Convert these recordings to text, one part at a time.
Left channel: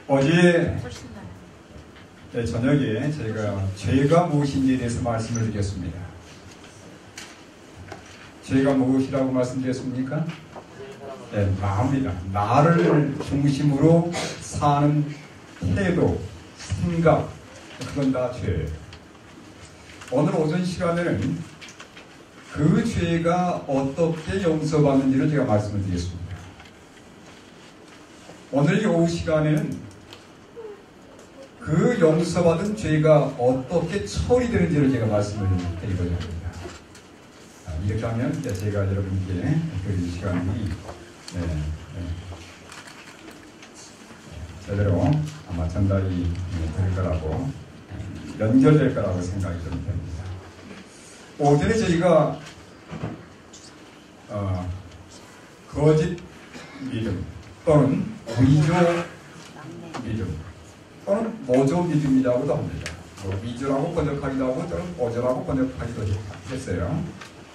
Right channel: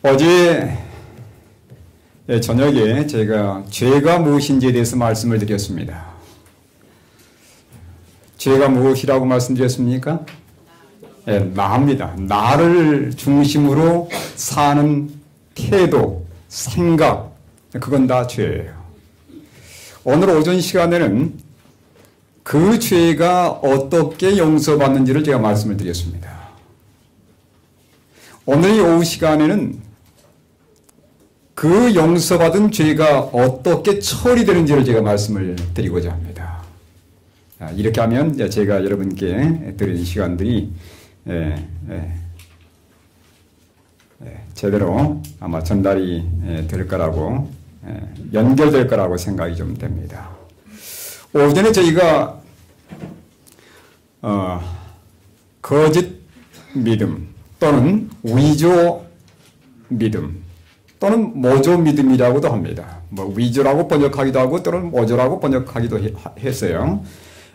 어제 저녁에 제가 죄가 무엇인지에 대해서 말씀을 드렸습니다. 죄가 무엇이라고 말씀드렸습니까? 나입니다. 나를 중심으로 사는 태도, 생각, 그건 다 죄예요. 오늘 오전 시간에는 그 죄가 어떻게 용서받는지를 제가 말씀을 드렸습니다. 오늘 오후 시간에는 그 용서받은 죄가 어떻게 처리되는지를 제가 말씀을 드리고자 합니다. 이렇게 하면 제가 여러분께 드린 시간들이 제대로 아마 전달이 될 거라고 연결될 거라고 생각이 좀 됩니다. 오전에 저희가 거짓 믿음 또는 위조 믿음 또는 모조 믿음이라고도 합니다. 위조라고 번역하기도 하고 또는 모조라고 번역하기도 했어요.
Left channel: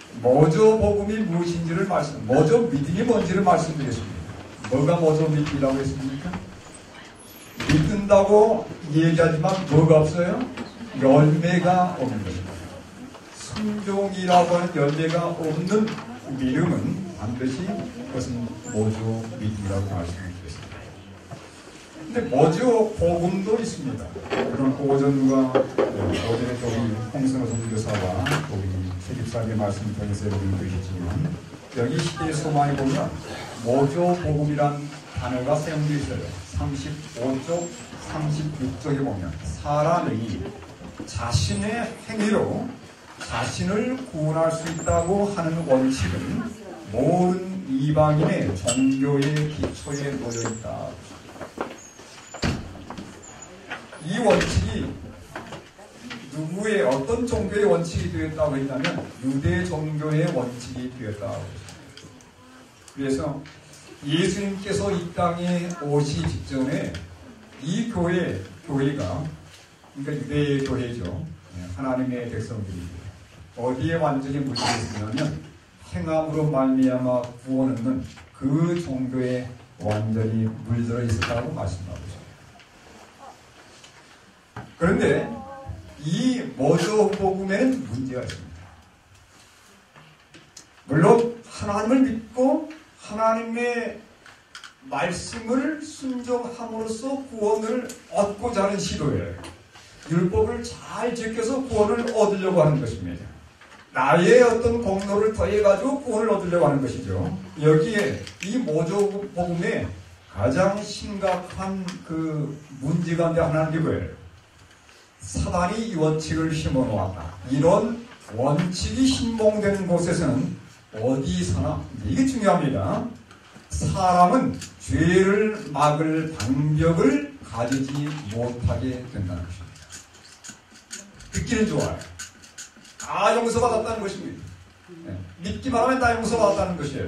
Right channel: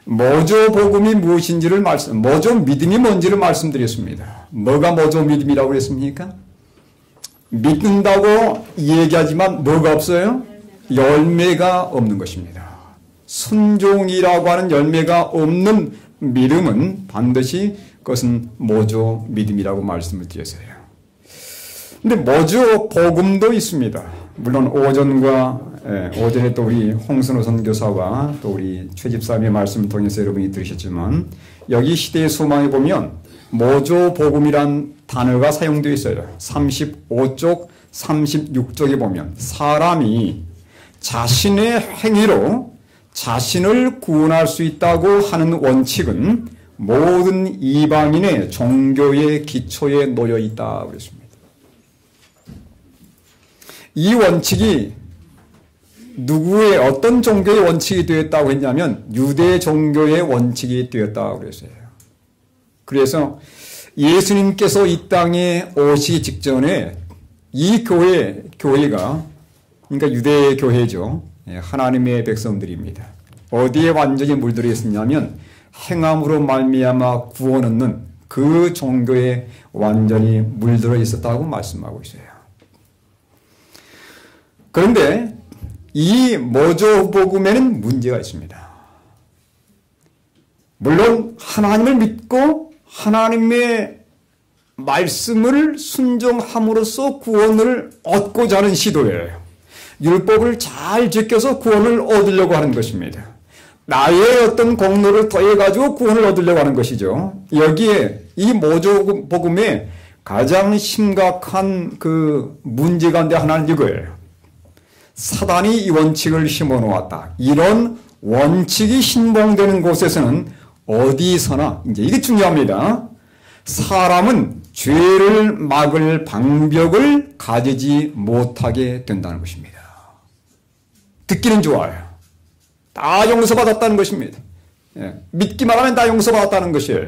모조 복음이 무엇인지를 모조 믿음이 뭔지를 말씀드렸습니다. 뭐가 모조 믿음이라고 했습니까? 믿는다고 얘기하지만 뭐가 없어요? 열매가 없는 것입니다. 순종이라고 하는 열매가 없는 믿음은 반드시 그것은 모조 믿음이라고 말씀을 드렸어요. 근데 모조 복음도 있습니다. 물론 오전에 또 우리 홍순호 선교사와 또 우리 최 집사님의 말씀을 통해서 여러분이 들으셨지만 여기 시대의 소망에 보면 모조 복음이란 단어가 사용되어 있어요. 35쪽, 36쪽에 보면 사람이 자신의 행위로 자신을 구원할 수 있다고 하는 원칙은 모든 이방인의 종교의 기초에 놓여 있다고 했습니다. 이 원칙이 누구의 어떤 종교의 원칙이 되었다고 했냐면 유대 종교의 원칙이 되었다고 했어요. 그래서 예수님께서 이 땅에 오시기 직전에 이 교회가 그러니까 유대 교회죠. 하나님의 백성들입니다. 어디에 완전히 물들어 있었냐면 행함으로 말미암아 구원 얻는 그 종교에 완전히 물들어 있었다고 말씀하고 있어요. 그런데 이 모조 복음에는 문제가 있습니다. 물론 하나님을 믿고 하나님의 말씀을 순종함으로써 구원을 얻고자 하는 시도예요. 율법을 잘 지켜서 구원을 얻으려고 하는 것입니다. 나의 어떤 공로를 더해가지고 구원을 얻으려고 하는 것이죠. 여기에 이 모조 복음의 가장 심각한 그 문제 가운데 하나는 이거예요. 사단이 이 원칙을 심어놓았다. 이런 원칙이 신봉되는 곳에서는 어디서나 이제 이게 중요합니다. 사람은 죄를 막을 방벽을 가지지 못하게 된다는 것입니다. 듣기는 좋아요. 다 용서받았다는 것입니다. 믿기만 하면 다 용서받았다는 것이에요.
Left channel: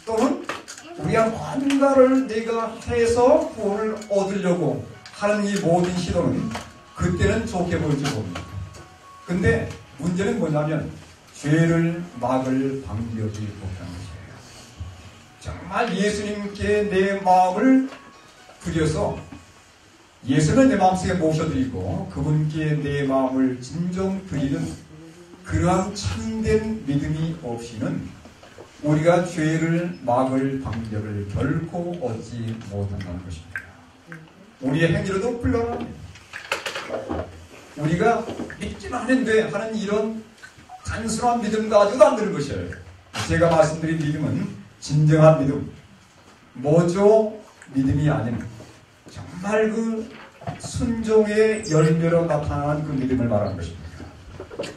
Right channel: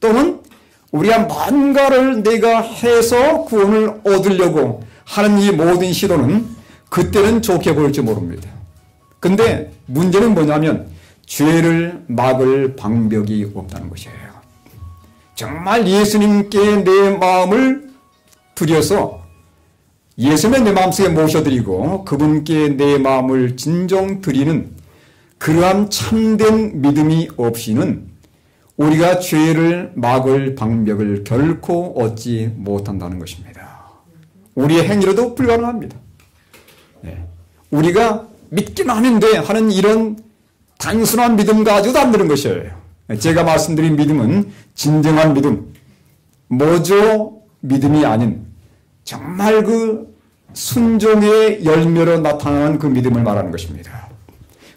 또는 우리가 뭔가를 내가 해서 구원을 얻으려고 하는 이 모든 시도는 그때는 좋게 보일지 모릅니다. 근데 문제는 뭐냐면 죄를 막을 방벽이 없다는 것이에요. 정말 예수님께 내 마음을 들여서 예수님의 내 마음속에 모셔드리고 그분께 내 마음을 진정 드리는 그러한 참된 믿음이 없이는 우리가 죄를 막을 방벽을 결코 얻지 못한다는 것입니다. 우리의 행위로도 불가능합니다. 우리가 믿기만 하는데 하는 이런 단순한 믿음 가지고도 안 되는 것이에요. 제가 말씀드린 믿음은 진정한 믿음, 모조 믿음이 아닌 정말 그 순종의 열매로 나타나는 그 믿음을 말하는 것입니다.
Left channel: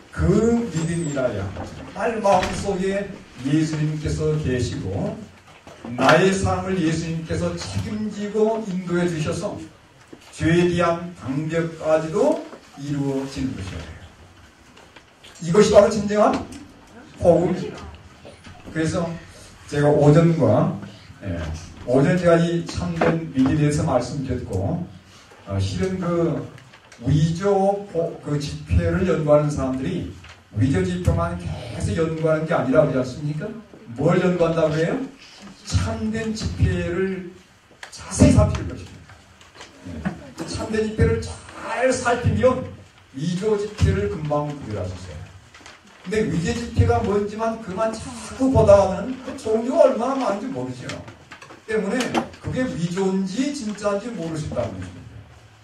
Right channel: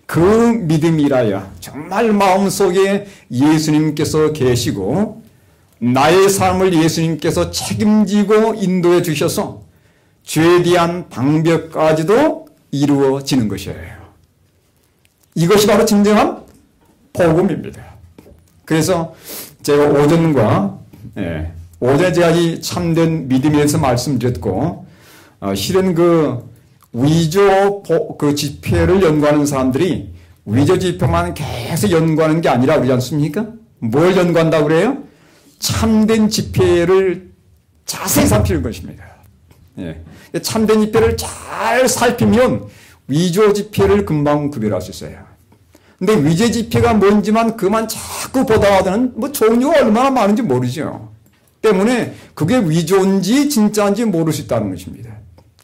그 믿음이라야 정말 마음속에 예수님께서 계시고 나의 삶을 예수님께서 책임지고 인도해 주셔서 죄에 대한 방벽까지도 이루어지는 것이에요. 이것이 바로 진정한 복음입니다. 그래서 제가 오전에 제가 이 참된 믿음에 대해서 말씀드렸고 실은 그 위조 그 집회를 연구하는 사람들이 위조 집회만 계속 연구하는 게 아니라 그렇지 않습니까? 뭘 연구한다고 그래요? 참된 집회를 자세히 살피는 것입니다. 예. 참된 집회를 잘 살피면 위조 집회를 금방 구별할 수 있어요. 근데 위조 집회가 뭔지만 그만 자꾸 보다가는 뭐 종류가 얼마나 많은지 모르죠. 때문에 그게 위조인지 진짜인지 모를 수 있다는 것입니다.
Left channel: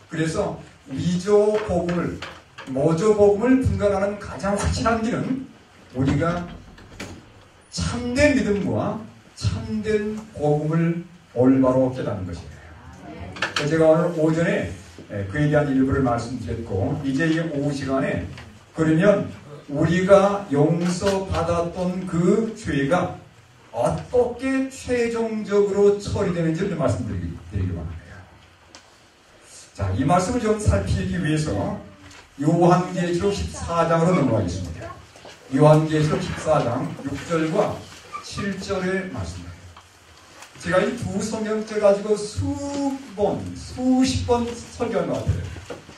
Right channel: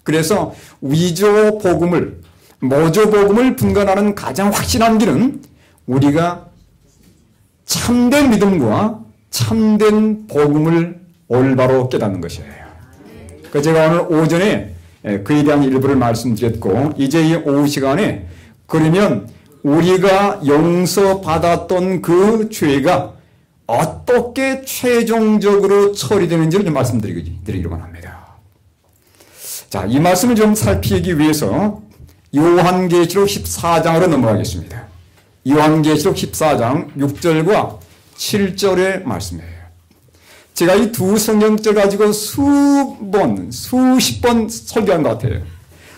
그래서 위조 복음을, 모조 복음을 분간하는 가장 확실한 길은 우리가 참된 믿음과 참된 복음을 올바로 깨닫는 것이에요. 그래서 제가 오늘 오전에 그에 대한 일부를 말씀드렸고, 이제 이 오후 시간에 그러면 우리가 용서받았던 그 죄가 어떻게 최종적으로 처리되는지를 좀 말씀드리기만 합니다. 자, 이 말씀을 좀 살피기 위해서 요한계시록 14장으로 넘어가겠습니다. 요한계시록 14장 6절과 7절의 말씀이에요. 제가 이 두 성경절 가지고 수십 번 설교한 것 같아요.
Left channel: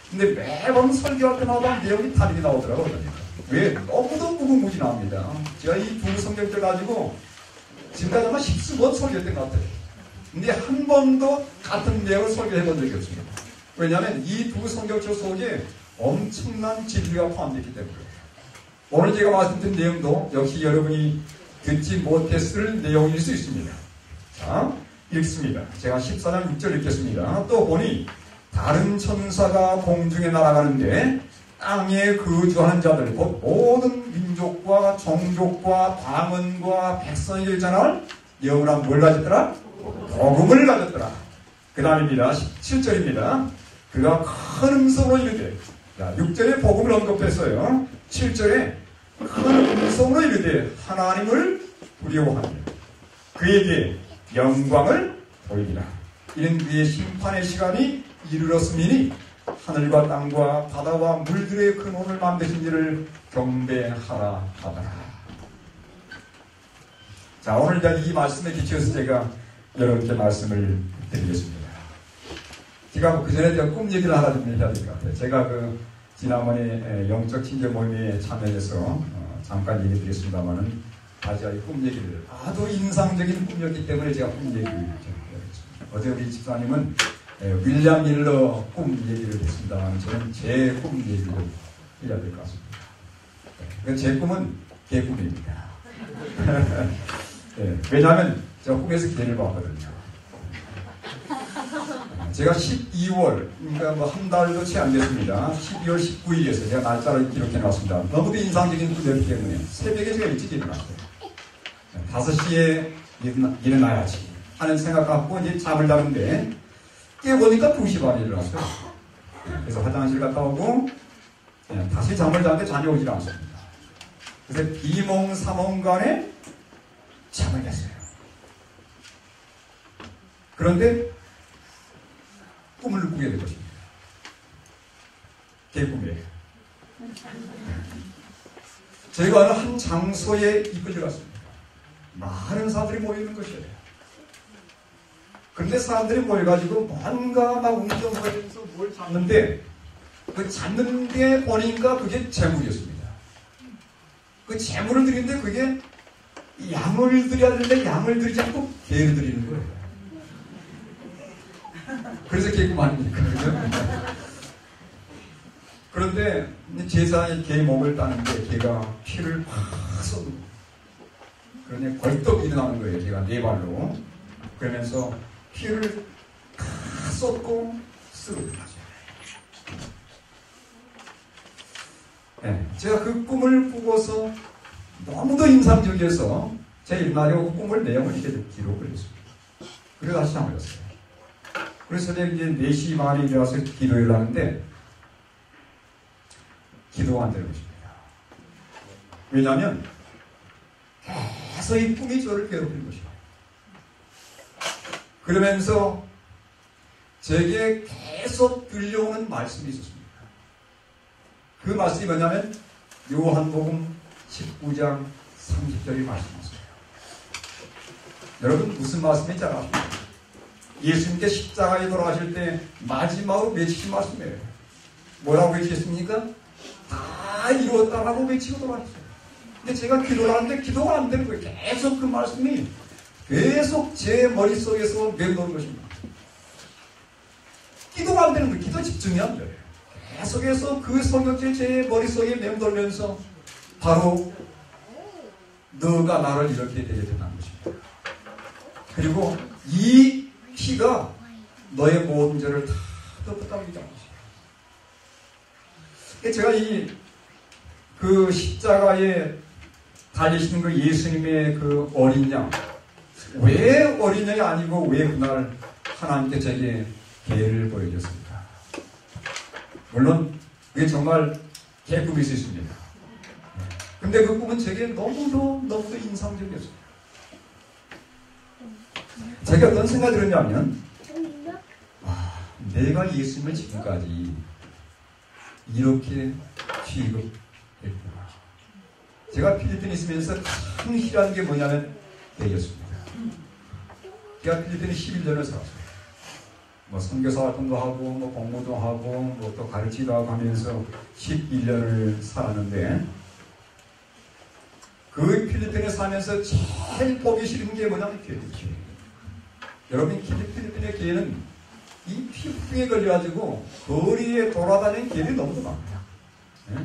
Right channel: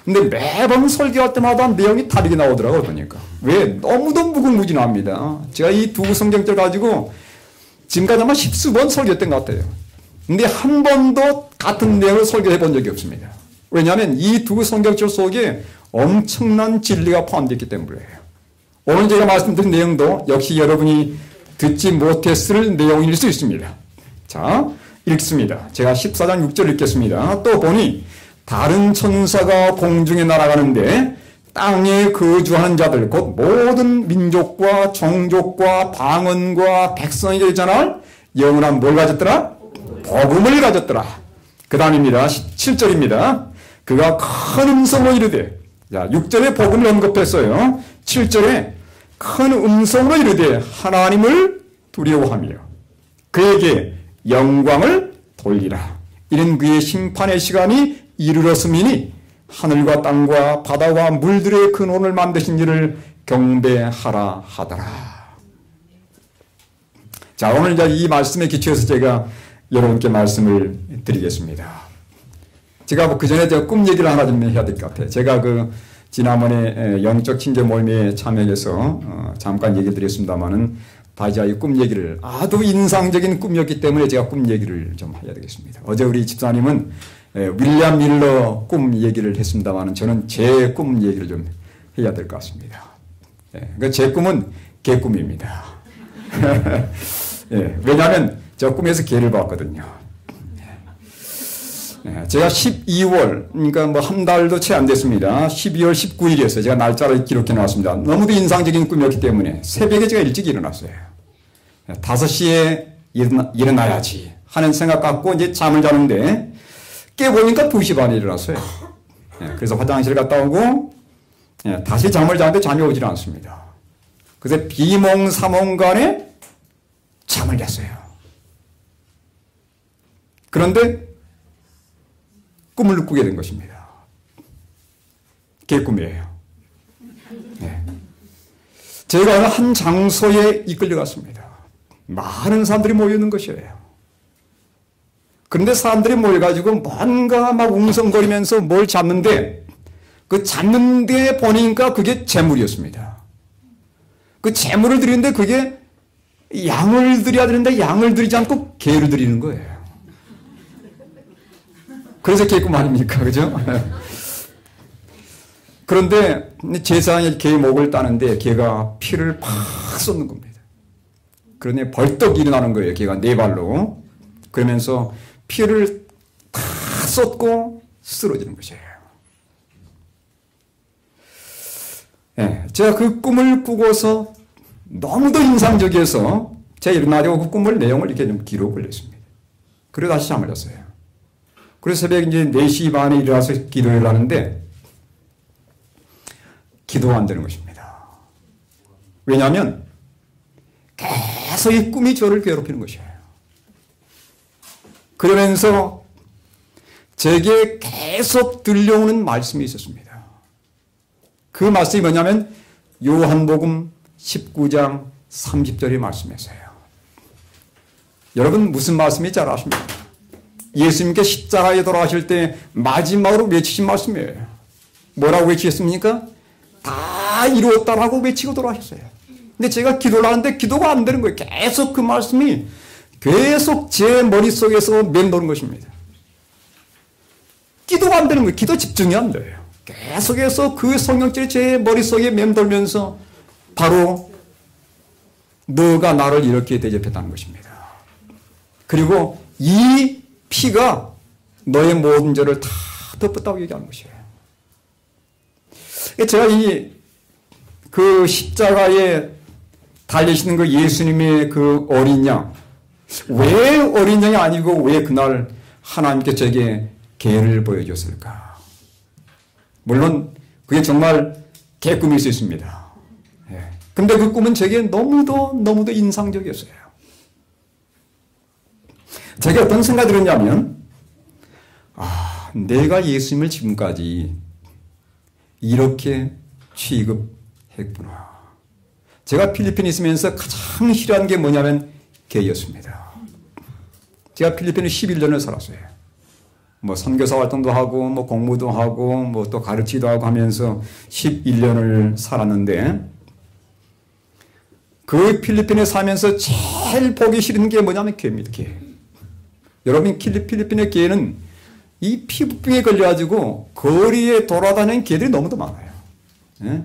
근데 매번 설교할 때마다 내용이 다르게 나오더라고요. 그러니까. 왜? 너무도 무궁무진합니다. 제가 이 두 성경절 가지고 지금까지 아마 십수번 설교했던 것 같아요. 근데 한 번도 같은 내용을 설교해 본 적이 없습니다. 왜냐하면 이 두 성경절 속에 엄청난 진리가 포함되어 있기 때문이에요. 오늘 제가 말씀드린 내용도 역시 여러분이 듣지 못했을 내용일 수 있습니다. 자, 읽습니다. 제가 14장 6절 읽겠습니다. 또 보니 다른 천사가 공중에 날아가는데 땅에 거주하는 자들 곧 모든 민족과 종족과 방언과 백성이 되잖아. 영원한 뭘 가졌더라? 복음을 가졌더라. 그 다음입니다. 7절입니다. 그가 큰 음성으로 이르되, 자, 6절에 복음을 언급했어요. 7절에 큰 음성으로 이르되 하나님을 두려워하며 그에게 영광을 돌리라. 이는 그의 심판의 시간이 이르렀음이니 하늘과 땅과 바다와 물들의 근원을 만드신 이를 경배하라 하더라. 자, 오늘 이 말씀에 기초해서 제가 여러분께 말씀을 드리겠습니다. 제가 그 전에 꿈 얘기를 하나 좀 해야 될 것 같아요. 제가 지난번에 영적 친제 모임에 참여해서 잠깐 얘기 드렸습니다만은 다시 이 꿈 얘기를, 아주 인상적인 꿈이었기 때문에 제가 꿈 얘기를 좀 해야 되겠습니다. 어제 우리 집사님은 윌리엄 밀러 꿈 얘기를 했습니다만 저는 제 꿈 얘기를 좀 해야 될 것 같습니다. 그러니까 제 꿈은 개꿈입니다. 왜냐하면 저 꿈에서 개를 봤거든요. 제가 12월, 그러니까 뭐 한 달도 채 안 됐습니다. 12월 19일이었어요. 제가 날짜를 기록해 놨습니다. 너무도 인상적인 꿈이었기 때문에 새벽에 제가 일찍 일어났어요. 5시에 일어나야지 하는 생각 갖고 이제 잠을 자는데 깨보니까 2시 반에 일어났어요. 그래서 화장실 갔다 오고 다시 잠을 자는데 잠이 오질 않습니다. 그래서 비몽사몽간에 잠을 잤어요. 그런데 꿈을 꾸게 된 것입니다. 개꿈이에요. 제가 한 장소에 이끌려갔습니다. 많은 사람들이 모여있는 것이에요. 그런데 사람들이 모여가지고 뭔가 막 웅성거리면서 뭘 잡는데 그 잡는 데 보니까 그게 재물이었습니다. 그 재물을 드리는데 그게 양을 드려야 되는데 양을 드리지 않고 개를 드리는 거예요. 그래서 개꿈 아닙니까? 그죠? 그런데 제사장이 개 목을 따는데 개가 피를 팍 쏟는 겁니다. 그러니 벌떡 일어나는 거예요. 개가 네 발로. 그러면서 피를 다 쏟고 쓰러지는 거죠. 제가 그 꿈을 꾸고서 너무도 인상적이어서 제가 일어나려고 그 꿈을 내용을 이렇게 좀 기록을 했습니다. 그리고 다시 잠을 잤어요. 그래서 새벽 이제 4시 반에 일어나서 기도를 하는데 기도가 안 되는 것입니다. 왜냐하면 계속 이 꿈이 저를 괴롭히는 것이에요. 그러면서 제게 계속 들려오는 말씀이 있었습니다. 그 말씀이 뭐냐면 요한복음 19장 30절의 말씀이었어요. 여러분 무슨 말씀인지 잘 아십니까? 예수님께 십자가에 돌아가실 때 마지막으로 외치신 말씀이에요. 뭐라고 외치셨습니까? 다 이루었다라고 외치고 돌아가셨어요. 근데 제가 기도를 하는데 기도가 안 되는 거예요. 계속 그 말씀이 계속 제 머릿속에서 맴도는 것입니다. 기도가 기도가 안 되는 거예요. 기도 집중이 안 돼요. 계속해서 그 성경책이 제 머릿속에 맴돌면서 바로 너가 나를 이렇게 대접했다는 것입니다. 그리고 이 피가 너의 모든 죄를 다 덮었다고 얘기하는 것이에요. 제가 그 십자가에 달리시는 그 예수님의 그 어린 양, 왜 어린 양이 아니고 왜 그날 하나님께 제게 개를 보여줬을까? 물론 그게 정말 개꿈일 수 있습니다. 근데 그 꿈은 제게 너무도 인상적이었어요. 제가 어떤 생각이 들었냐면, 내가 예수님을 지금까지 이렇게 취급했구나. 제가 필리핀에 있으면서 가장 싫어하는 게 뭐냐면 개였습니다. 제가 필리핀에 11년을 살았어요. 뭐 선교사 활동도 하고 뭐 공부도 하고 뭐 또 가르치기도 하고 하면서 11년을 살았는데, 그 필리핀에 살면서 제일 보기 싫은 게 뭐냐면 개입니다. 개. 여러분, 필리핀의 개는 이 피부병에 걸려가지고 거리에 돌아다니는 개들이 너무도 많아요. 예?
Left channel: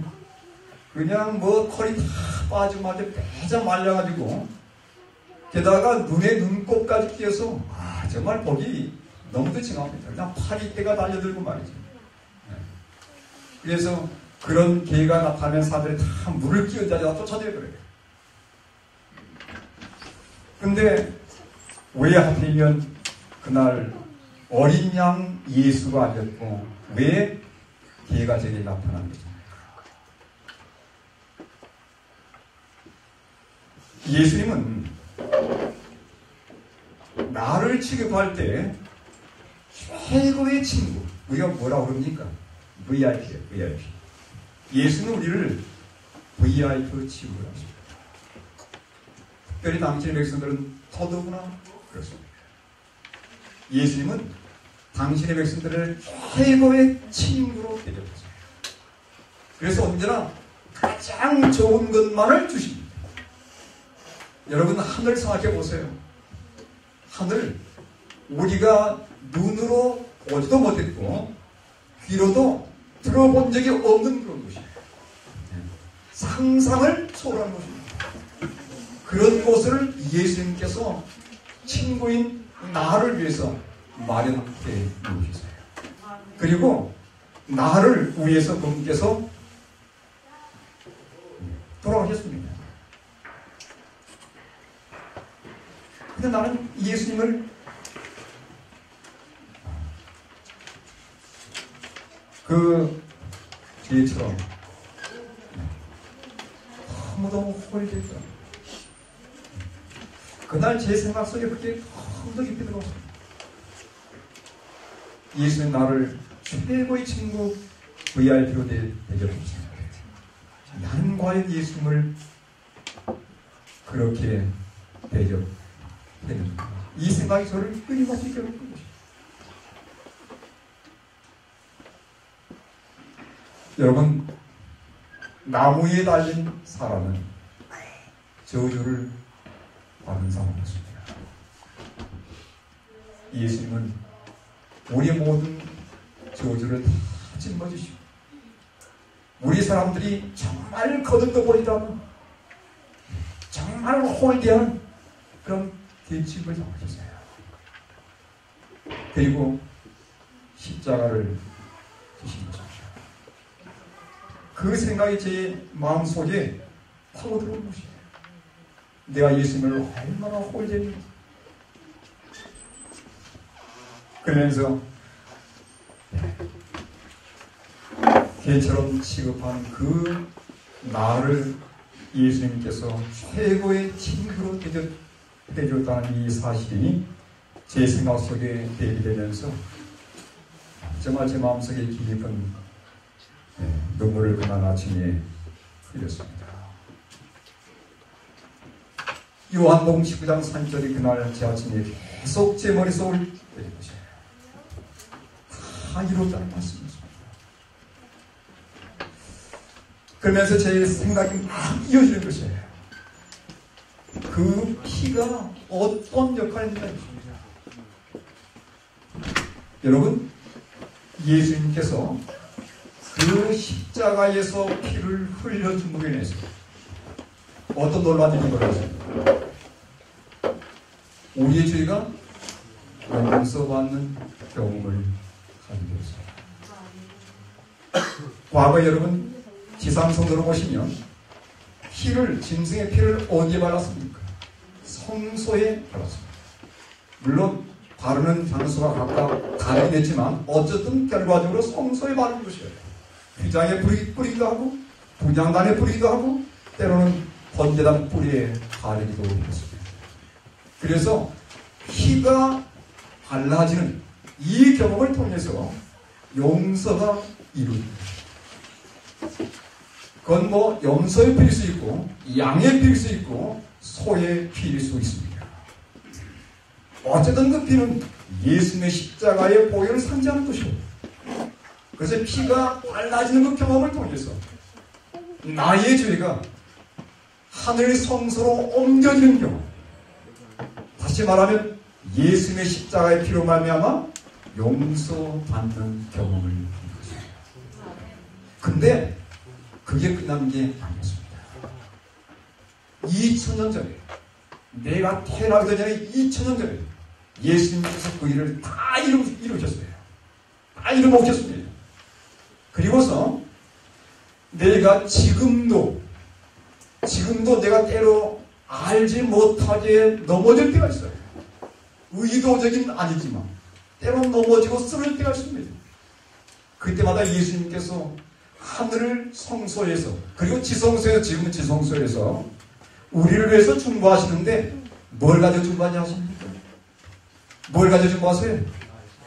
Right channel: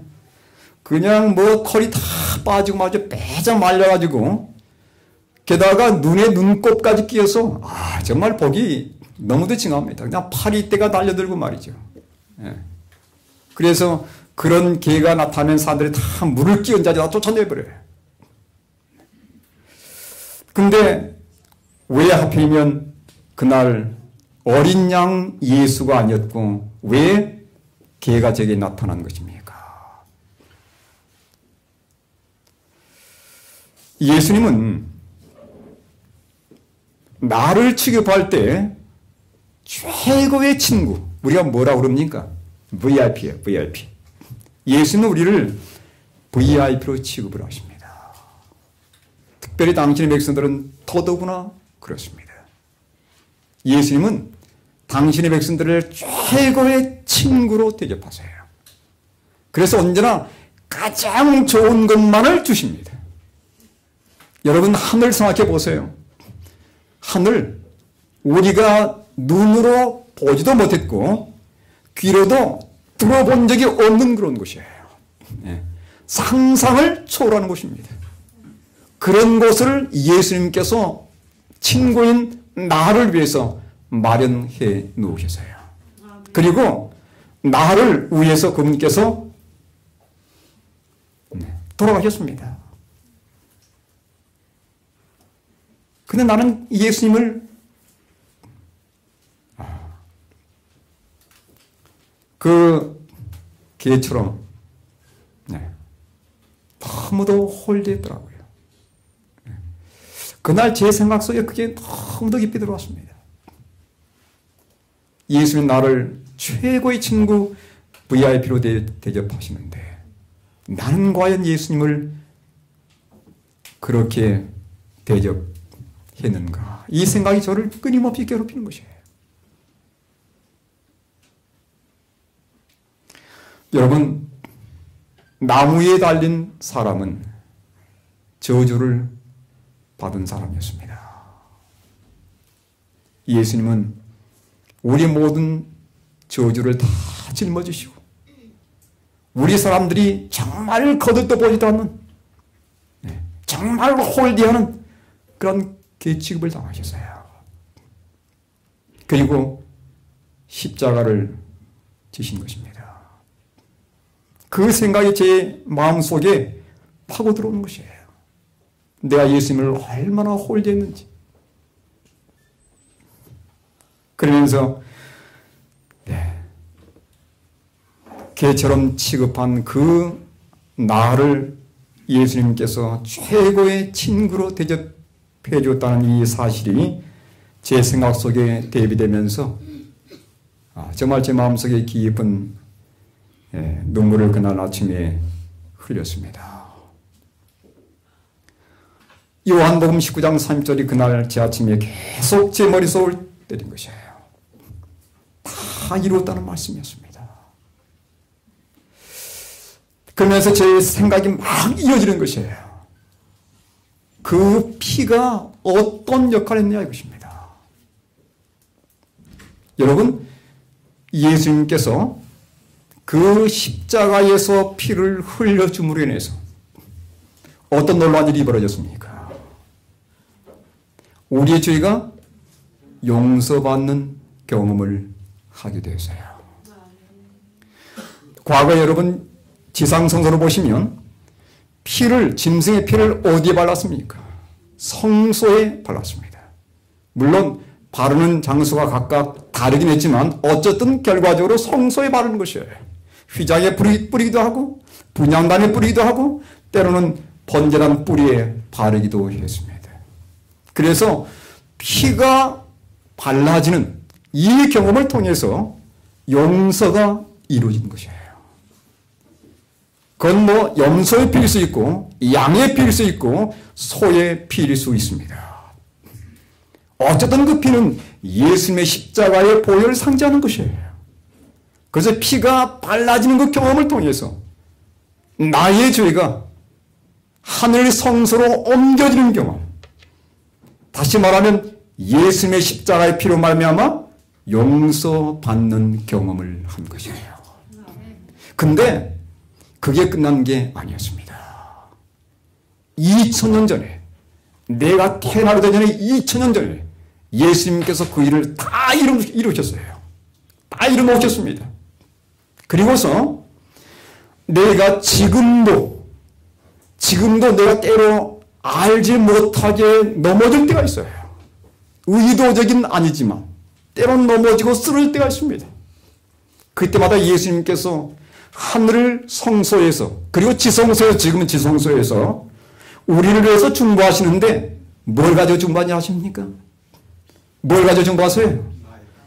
그냥 뭐 털이 다 빠지고 말이죠. 빼자 말려가지고, 게다가 눈에 눈곱까지 끼어서 정말 보기 너무도 징합니다. 그냥 파리떼가 달려들고 말이죠. 예. 그래서 그런 개가 나타나면 사람들이 다 물을 끼얹어 다 쫓아내버려요. 근데 왜 하필이면 그날 어린 양 예수가 아니었고 왜 개가 제게 나타난 것입니까? 예수님은 나를 취급할 때 최고의 친구, 우리가 뭐라고 그럽니까? VIP예요, VIP. 예수는 우리를 VIP로 취급을 하십니다. 특별히 당신의 백성들은 더더구나 그렇습니다. 예수님은 당신의 백성들을 최고의 친구로 대접하세요. 그래서 언제나 가장 좋은 것만을 주십니다. 여러분, 하늘 생각해 보세요. 하늘, 우리가 눈으로 보지도 못했고 귀로도 들어본 적이 없는 그런 곳이에요. 상상을 초월하는 곳입니다. 그런 곳을 예수님께서 친구인 나를 위해서 마련해 놓으셨어요. 그리고 나를 위해서 그분께서 돌아가셨습니다. 근데 나는 예수님을 그 개처럼 너무도 홀대했더라고요. 그날 제 생각 속에 그게 너무도 깊이 들어왔습니다. 예수님 나를 최고의 친구 VIP로 대접하시는데 나는 과연 예수님을 그렇게 대접했는가? 이 생각이 저를 끊임없이 괴롭히는 것이에요. 여러분, 나무에 달린 사람은 저주를 받은 사람이었습니다. 예수님은 우리 모든 저주를 다 짊어지시고 우리 사람들이 정말 거들떠 보지도 않는 정말 홀대하는 그런 취급을 당하셨어요. 그리고 십자가를 지신 것입니다. 그 생각이 제 마음속에 파고 들어오는 것이에요. 내가 예수님을 얼마나 홀대했는지. 그러면서 개처럼 취급한 그 나를 예수님께서 최고의 친구로 대접해 줬다는 이 사실이 제 생각 속에 대비되면서 정말 제 마음속에 깊은 눈물을 그날 아침에 흘렸습니다. 요한복음 19장 3절이 그날 제 아침에 계속 제 머릿속을 때린 것이에요. 다 이루었다는 말씀이었습니다. 그러면서 제 생각이 막 이어지는 것이에요. 그 피가 어떤 역할을 했냐 이것입니다. 여러분, 예수님께서 그 십자가에서 피를 흘려줌으로 인해서 어떤 놀라운 일이 벌어졌습니까? 우리의 죄가 용서받는 경험을 하게 되었어요. 과거 여러분 지상성서로 보시면 짐승의 피를 어디에 발랐습니까? 성소에 발랐습니다. 물론 바르는 장소가 각각 다르긴 했지만 어쨌든 결과적으로 성소에 바르는 것이에요. 휘장에 뿌리기도 하고 분향단에 뿌리기도 하고 때로는 번제단 뿌리에 바르기도 했습니다. 그래서 피가 발라지는 이 경험을 통해서 용서가 이루어진 것이에요. 그건 뭐 염소의 피일 수 있고 양의 피일 수 있고 소의 피일 수 있습니다. 어쨌든 그 피는 예수님의 십자가의 보혈을 상징하는 것이에요. 그래서 피가 발라지는 그 경험을 통해서 나의 죄가 하늘 성소로 옮겨지는 경험, 다시 말하면 예수님의 십자가의 피로 말미암아 용서받는 경험을 한 것이에요. 근데 그게 끝난 게 아니었습니다. 2000년 전에, 내가 태어나기 전에 2000년 전에 예수님께서 그 일을 다 이루셨어요. 다 이루셨습니다. 그리고서 내가 지금도 내가 때로 알지 못하게 넘어질 때가 있어요. 의도적인 아니지만 때로는 넘어지고 쓰러질 때가 있습니다. 그때마다 예수님께서 하늘 성소에서 그리고 지성소에서, 지금은 지성소에서 우리를 위해서 중보하시는데 뭘 가지고 중보하냐 하십니까? 뭘 가지고 중보하세요?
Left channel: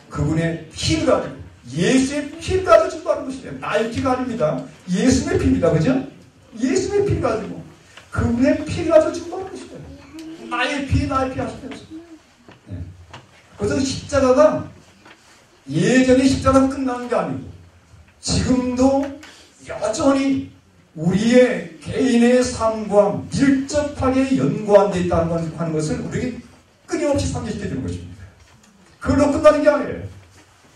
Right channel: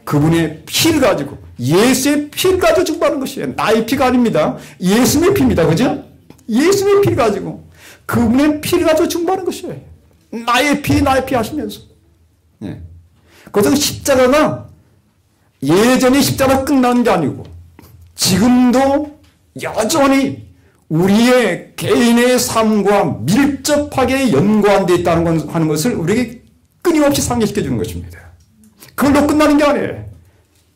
그분의 피를 가지고, 예수의 피를 가지고 중보하는 것이에요. 나의 피가 아닙니다. 예수의 피입니다. 그죠? 예수의 피를 가지고 그분의 피를 가지고 중보하는 것이에요. 나의 피 하시면서. 예. 그래서 십자가가 예전에 십자가가 끝난 게 아니고 지금도 여전히 우리의 개인의 삶과 밀접하게 연관되어 있다는 하는 것을 우리에게 끊임없이 상기시켜 주는 것입니다. 그걸로 끝나는 게 아니에요.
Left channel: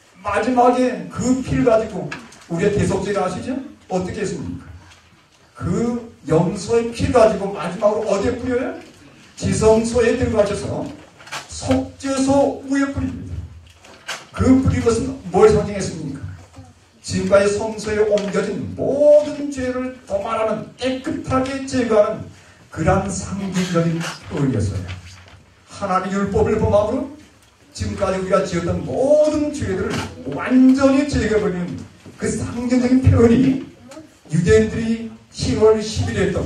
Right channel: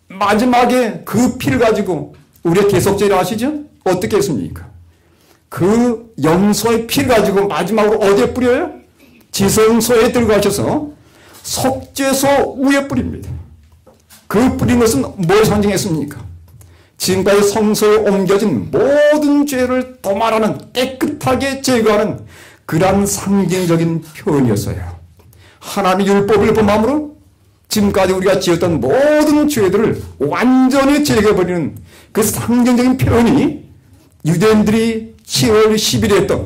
마지막에 그 피를 가지고 우리의 대속죄를 아시죠? 어떻게 했습니까? 그 염소의 피를 가지고 마지막으로 어디에 뿌려요? 지성소에 들어가셔서 속죄소 위에 뿌립니다. 그 뿌린 것은 뭘 상징했습니까? 지금까지 성소에 옮겨진 모든 죄를 도말하는, 깨끗하게 제거하는 그러한 상징적인 표현이었어요. 하나님의 율법을 범함으로 지금까지 우리가 지었던 모든 죄들을 완전히 제거해버리는 그 상징적인 표현이 유대인들이 10월 10일에 했던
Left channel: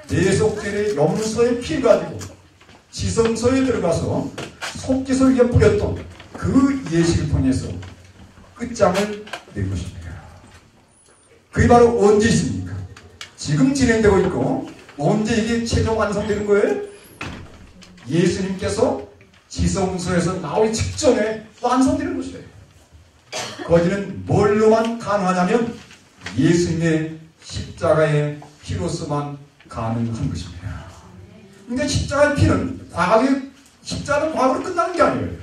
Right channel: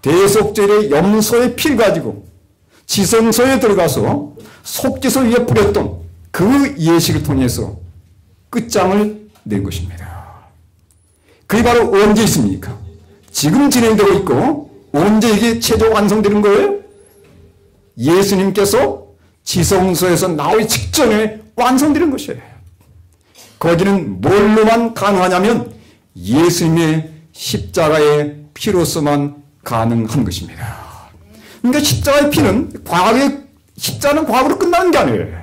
대속죄의 염소의 피를 가지고 지성소에 들어가서 속죄소 위에 뿌렸던 그 예식을 통해서 끝장을 낸 것입니다. 그게 바로 언제 있습니까? 지금 진행되고 있고 언제 이게 최종 완성되는 거예요? 예수님께서 지성소에서 나오기 직전에 완성되는 것이에요. 거기는 뭘로만 가능하냐면 예수님의 십자가의 피로서만 가능한 것입니다. 그러니까 십자가의 피는 십자가는 과거로 끝나는 게 아니에요.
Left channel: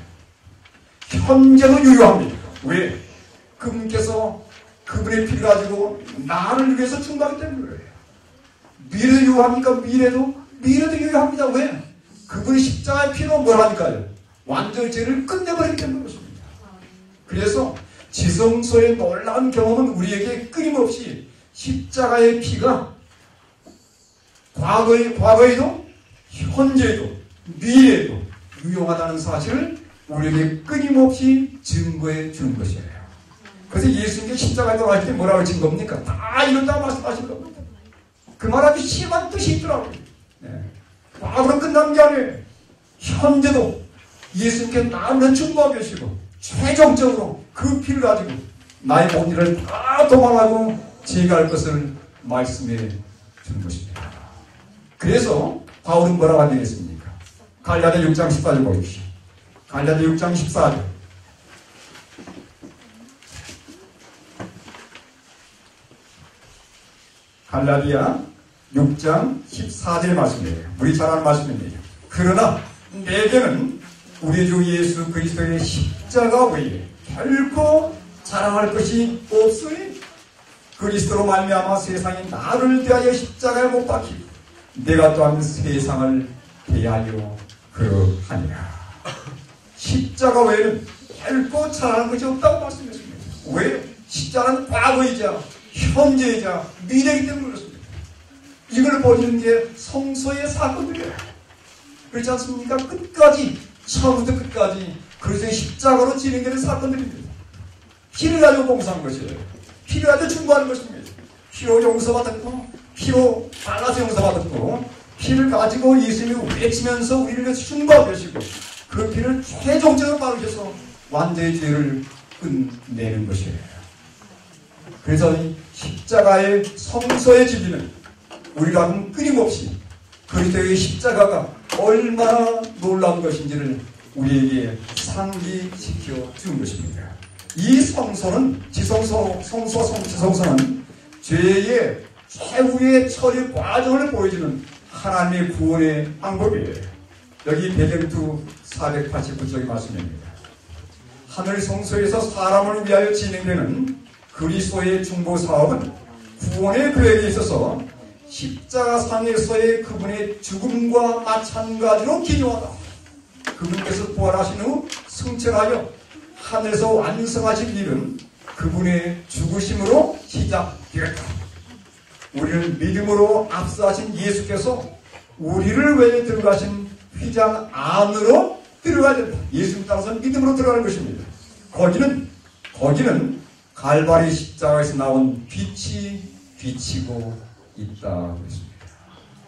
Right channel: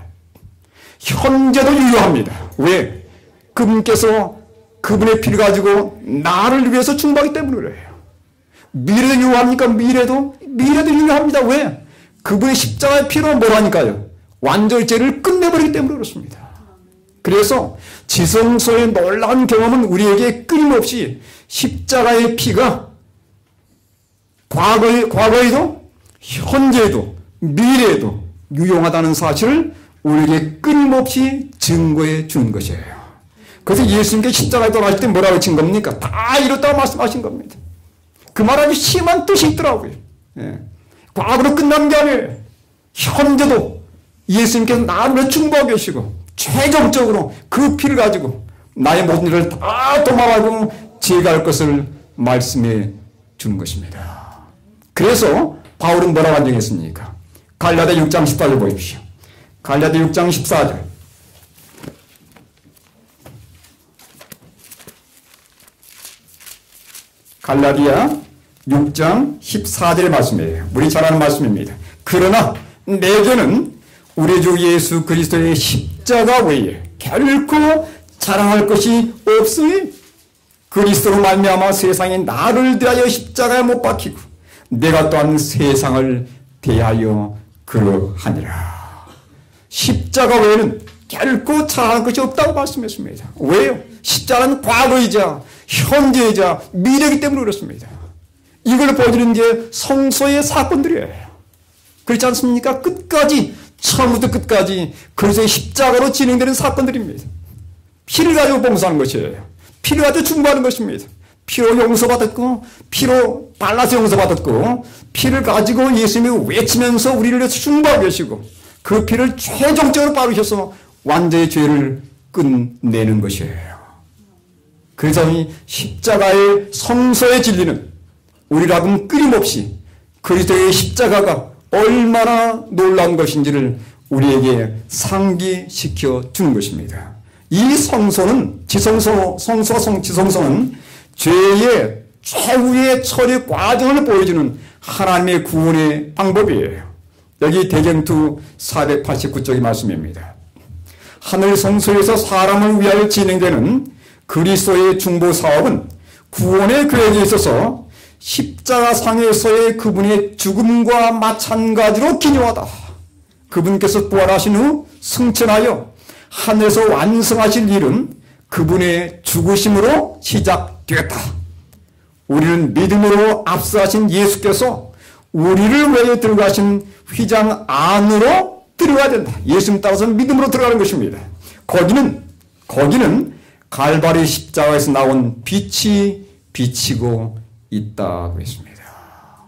현재도 유효합니다. 왜? 그분께서 그분의 피를 가지고 나를 위해서 중보하기 때문에 그래요. 미래도 유효합니까? 미래도 유효합니다. 왜? 그분의 십자가의 피로 뭐라니까요? 완전히 죄를 끝내버리기 때문에 그렇습니다. 그래서 지성소의 놀라운 경험은 우리에게 끊임없이 십자가의 피가 과거에도 현재에도 미래에도 유용하다는 사실을 우리에게 끊임없이 증거해 주는 것이에요. 그래서 예수님께 십자가에 돌아가실 때 뭐라고 친 겁니까? 다 이뤘다고 말씀하신 겁니다. 그 말하면 심한 뜻이 있더라고요. 예. 과거로 끝난 게 아니에요. 현재도 예수님께서 나를 위해 중보하고 계시고 최종적으로 그 피를 가지고 나의 모든 일을 다 도망하고 제거할 것을 말씀해 주는 것입니다. 그래서 바울은 뭐라고 한정했습니까? 갈라디아 6장 14절 보십시오. 갈라디아 6장 14절. 갈라디아 6장 14절의 말씀이에요. 우리 잘 아는 말씀입니다. 그러나 내게는 우리 주 예수 그리스도의 십자가 외에 결코 자랑할 것이 없으니 그리스도로 말미암아 세상이 나를 대하여 십자가에 못 박히고 내가 또한 세상을 대하여 그러하니라. 십자가 외에는 결코 자랑할 것이 없다고 말씀했습니다. 왜요? 십자가는 과거이자 현재이자 미래이기 때문에 그렇습니다. 이걸 보여드리는 게 성소의 사건들이에요. 그렇지 않습니까? 끝까지, 처음부터 끝까지 그리스도의 십자가로 진행되는 사건들입니다. 피를 가지고 봉사하는 것이에요. 피를 가지고 중보하는 것입니다. 피로 용서받았고, 피로 발라서 용서받았고, 피를 가지고 예수님을 외치면서 우리를 위해서 중보하고 계시고, 그 피를 최종적으로 바르셔서 완전히 죄를 끝내는 것이에요. 그래서 이 십자가의 성소의 진리는 우리라고는 끊임없이 그리스도의 십자가가 얼마나 놀라운 것인지를 우리에게 상기시켜 주는 것입니다. 이 성소는 지성소는 죄의 최후의 처리 과정을 보여주는 하나님의 구원의 방법이에요. 여기 대전투 489쪽의 말씀입니다. 하늘 성소에서 사람을 위하여 진행되는 그리스도의 중보 사업은 구원의 계획에 있어서 십자가상에서의 그분의 죽음과 마찬가지로 기묘하다. 그분께서 부활하신 후 승천하여 하늘에서 완성하실 일은 그분의 죽으심으로 시작되었다. 우리는 믿음으로 앞서하신 예수께서 우리를 위해 들어가신 휘장 안으로 들어가야 된다. 예수님 따라서는 믿음으로 들어가는 것입니다. 거기는 갈바리 십자가에서 나온 빛이 비치고 있다고 했습니다.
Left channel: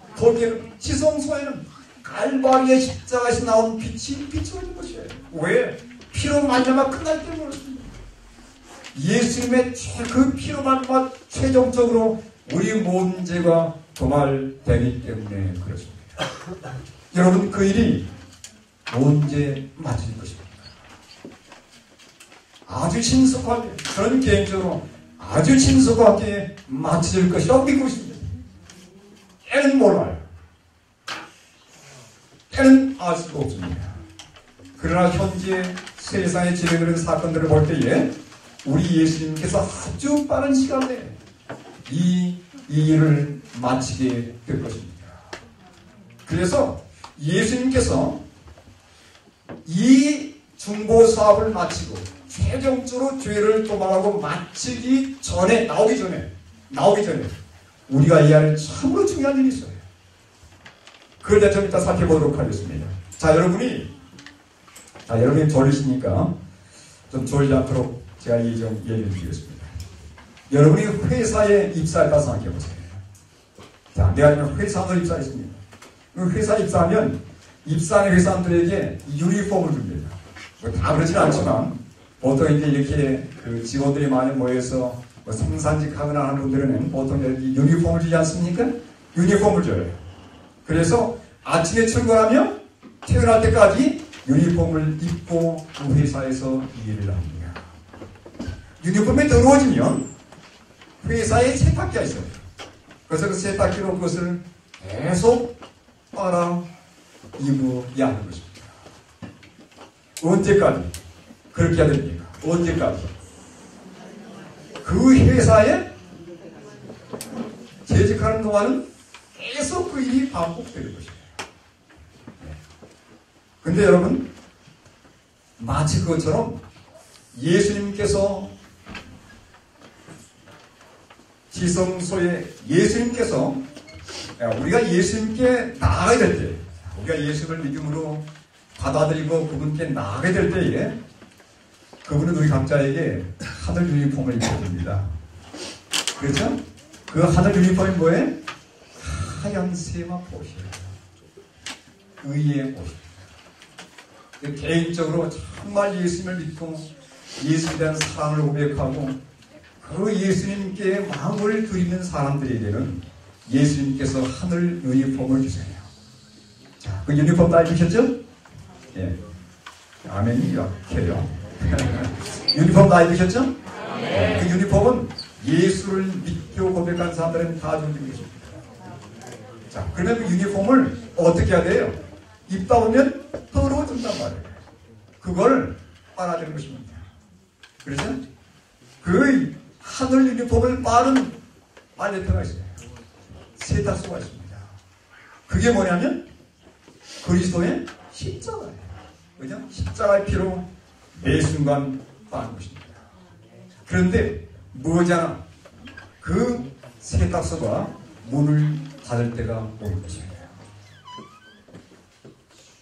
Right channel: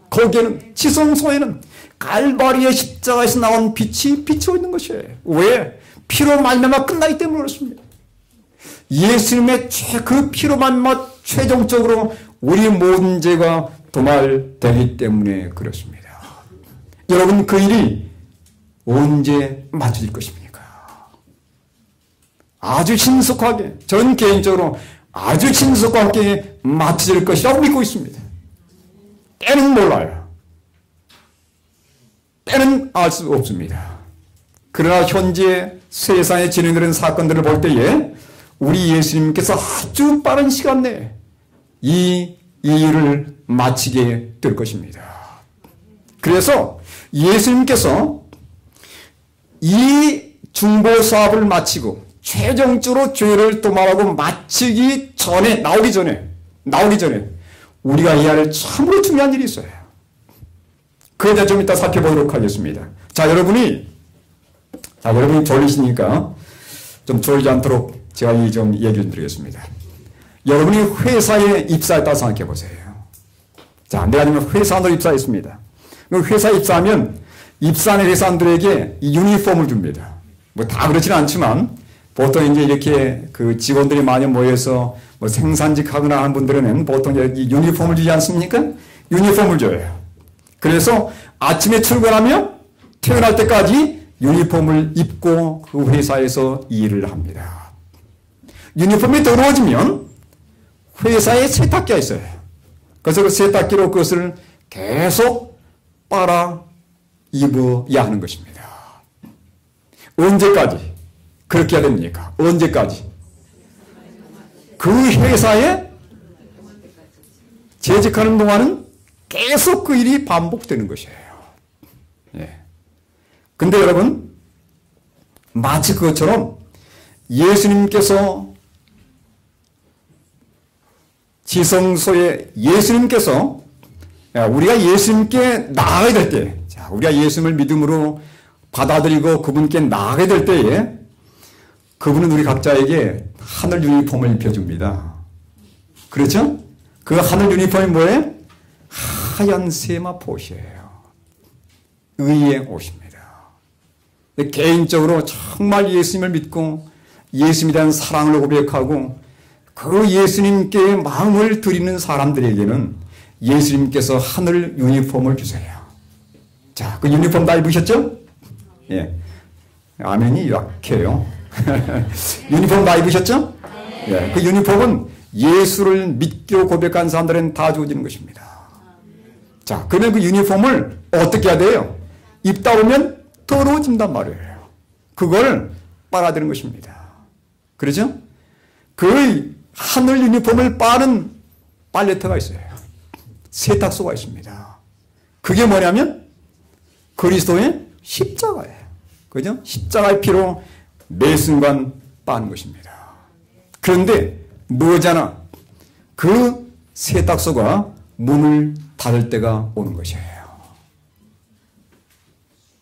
거기에는 지성소에는 갈바리의 십자가에서 나온 빛이 비치고 있는 것이에요. 왜? 피로 말미암아 끝나기 때문에 그렇습니다. 예수님의 그 피로 말미암아 최종적으로 우리 모든 죄가 도말되기 때문에 그렇습니다. 여러분, 그 일이 언제 맞춰질 것입니까? 아주 신속하게, 전 개인적으로 아주 신속하게 맞춰질 것이라고 믿고 있습니다. 때는 몰라요. 때는 알 수 없습니다. 그러나 현재 세상에 진행되는 사건들을 볼 때에 우리 예수님께서 아주 빠른 시간 내에 이 일을 마치게 될 것입니다. 그래서 예수님께서 이 중보 사업을 마치고 최종적으로 죄를 도말하고 마치기 전에, 나오기 전에 우리가 해야 할 참으로 중요한 일이 있어요. 그에 대해 좀 이따 살펴보도록 하겠습니다. 자, 여러분이 졸리시니까 좀 졸지 않도록 제가 좀 얘기를 드리겠습니다. 여러분이 회사에 입사했다고 생각해 보세요. 자, 내가 회사로 입사했습니다. 회사에 입사하면 입사하는 회사원들에게 이 유니폼을 줍니다. 뭐 다 그렇지는 않지만 보통 이제 이렇게 그 직원들이 많이 모여서 뭐 생산직 하거나 하는 분들은 보통 여기 유니폼을 주지 않습니까? 유니폼을 줘요. 그래서 아침에 출근하면 퇴근할 때까지 유니폼을 입고 그 회사에서 일을 합니다. 유니폼이 더러워지면 회사에 세탁기가 있어요. 그래서 그 세탁기로 그것을 계속 빨아 입어야 하는 것입니다. 언제까지 그렇게 해야 됩니까? 언제까지? 그 회사에 재직하는 동안은 계속 그 일이 반복되는 것이에요. 예. 근데 여러분, 마치 그것처럼 예수님께서 지성소에 우리가 예수님께 나아가야 될 때, 우리가 예수님을 믿음으로 받아들이고 그분께 나아가야 될 때에 그분은 우리 각자에게 하늘 유니폼을 입혀줍니다. 그렇죠? 그 하늘 유니폼이 뭐예요? 하얀 세마포시예요. 의의 옷입니다. 개인적으로 정말 예수님을 믿고 예수님에 대한 사랑을 고백하고 그 예수님께 마음을 드리는 사람들에게는 예수님께서 하늘 유니폼을 주세요. 자, 그 유니폼 다 입으셨죠? 예. 아멘이 약해요. 유니폼 다 입으셨죠? 예. 그 유니폼은 예수를 믿고 고백한 사람들은 다 주어지는 것입니다. 자, 그러면 그 유니폼을 어떻게 해야 돼요? 입다 보면 더러워진단 말이에요. 그걸 빨아들이는 것입니다. 그렇죠? 그 하늘 유니폼을 빠는 빨래터가 있어요. 세탁소가 있습니다. 그게 뭐냐면 그리스도의 십자가예요. 그죠? 십자가의 피로 매 순간 빠는 것입니다. 그런데 뭐잖아. 그 세탁소가 문을 닫을 때가 오는 것이에요.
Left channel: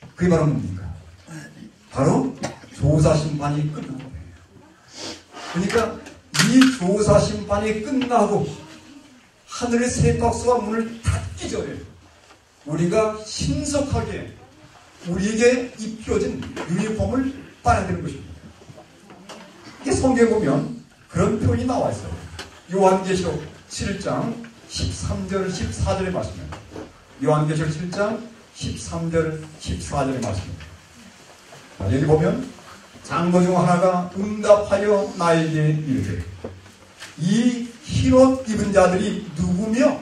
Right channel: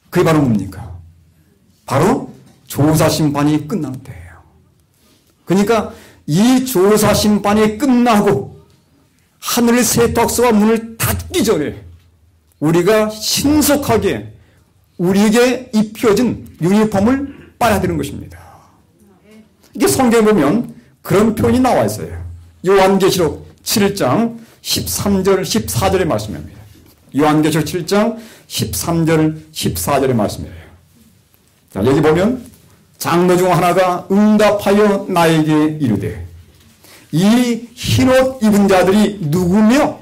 그게 바로 뭡니까? 바로 조사심판이 끝난 때예요. 그러니까 이 조사심판이 끝나고 하늘의 세탁소가 문을 닫기 전에 우리가 신속하게 우리에게 입혀진 유니폼을 빨아야 되는 것입니다. 이게 성경에 보면 그런 표현이 나와 있어요. 요한계시록 7장 13절 14절의 말씀입니다. 요한계시록 7장 13절 14절의 말씀이에요. 자, 여기 보면 장로 중 하나가 응답하여 나에게 이르되 이 흰옷 입은 자들이 누구며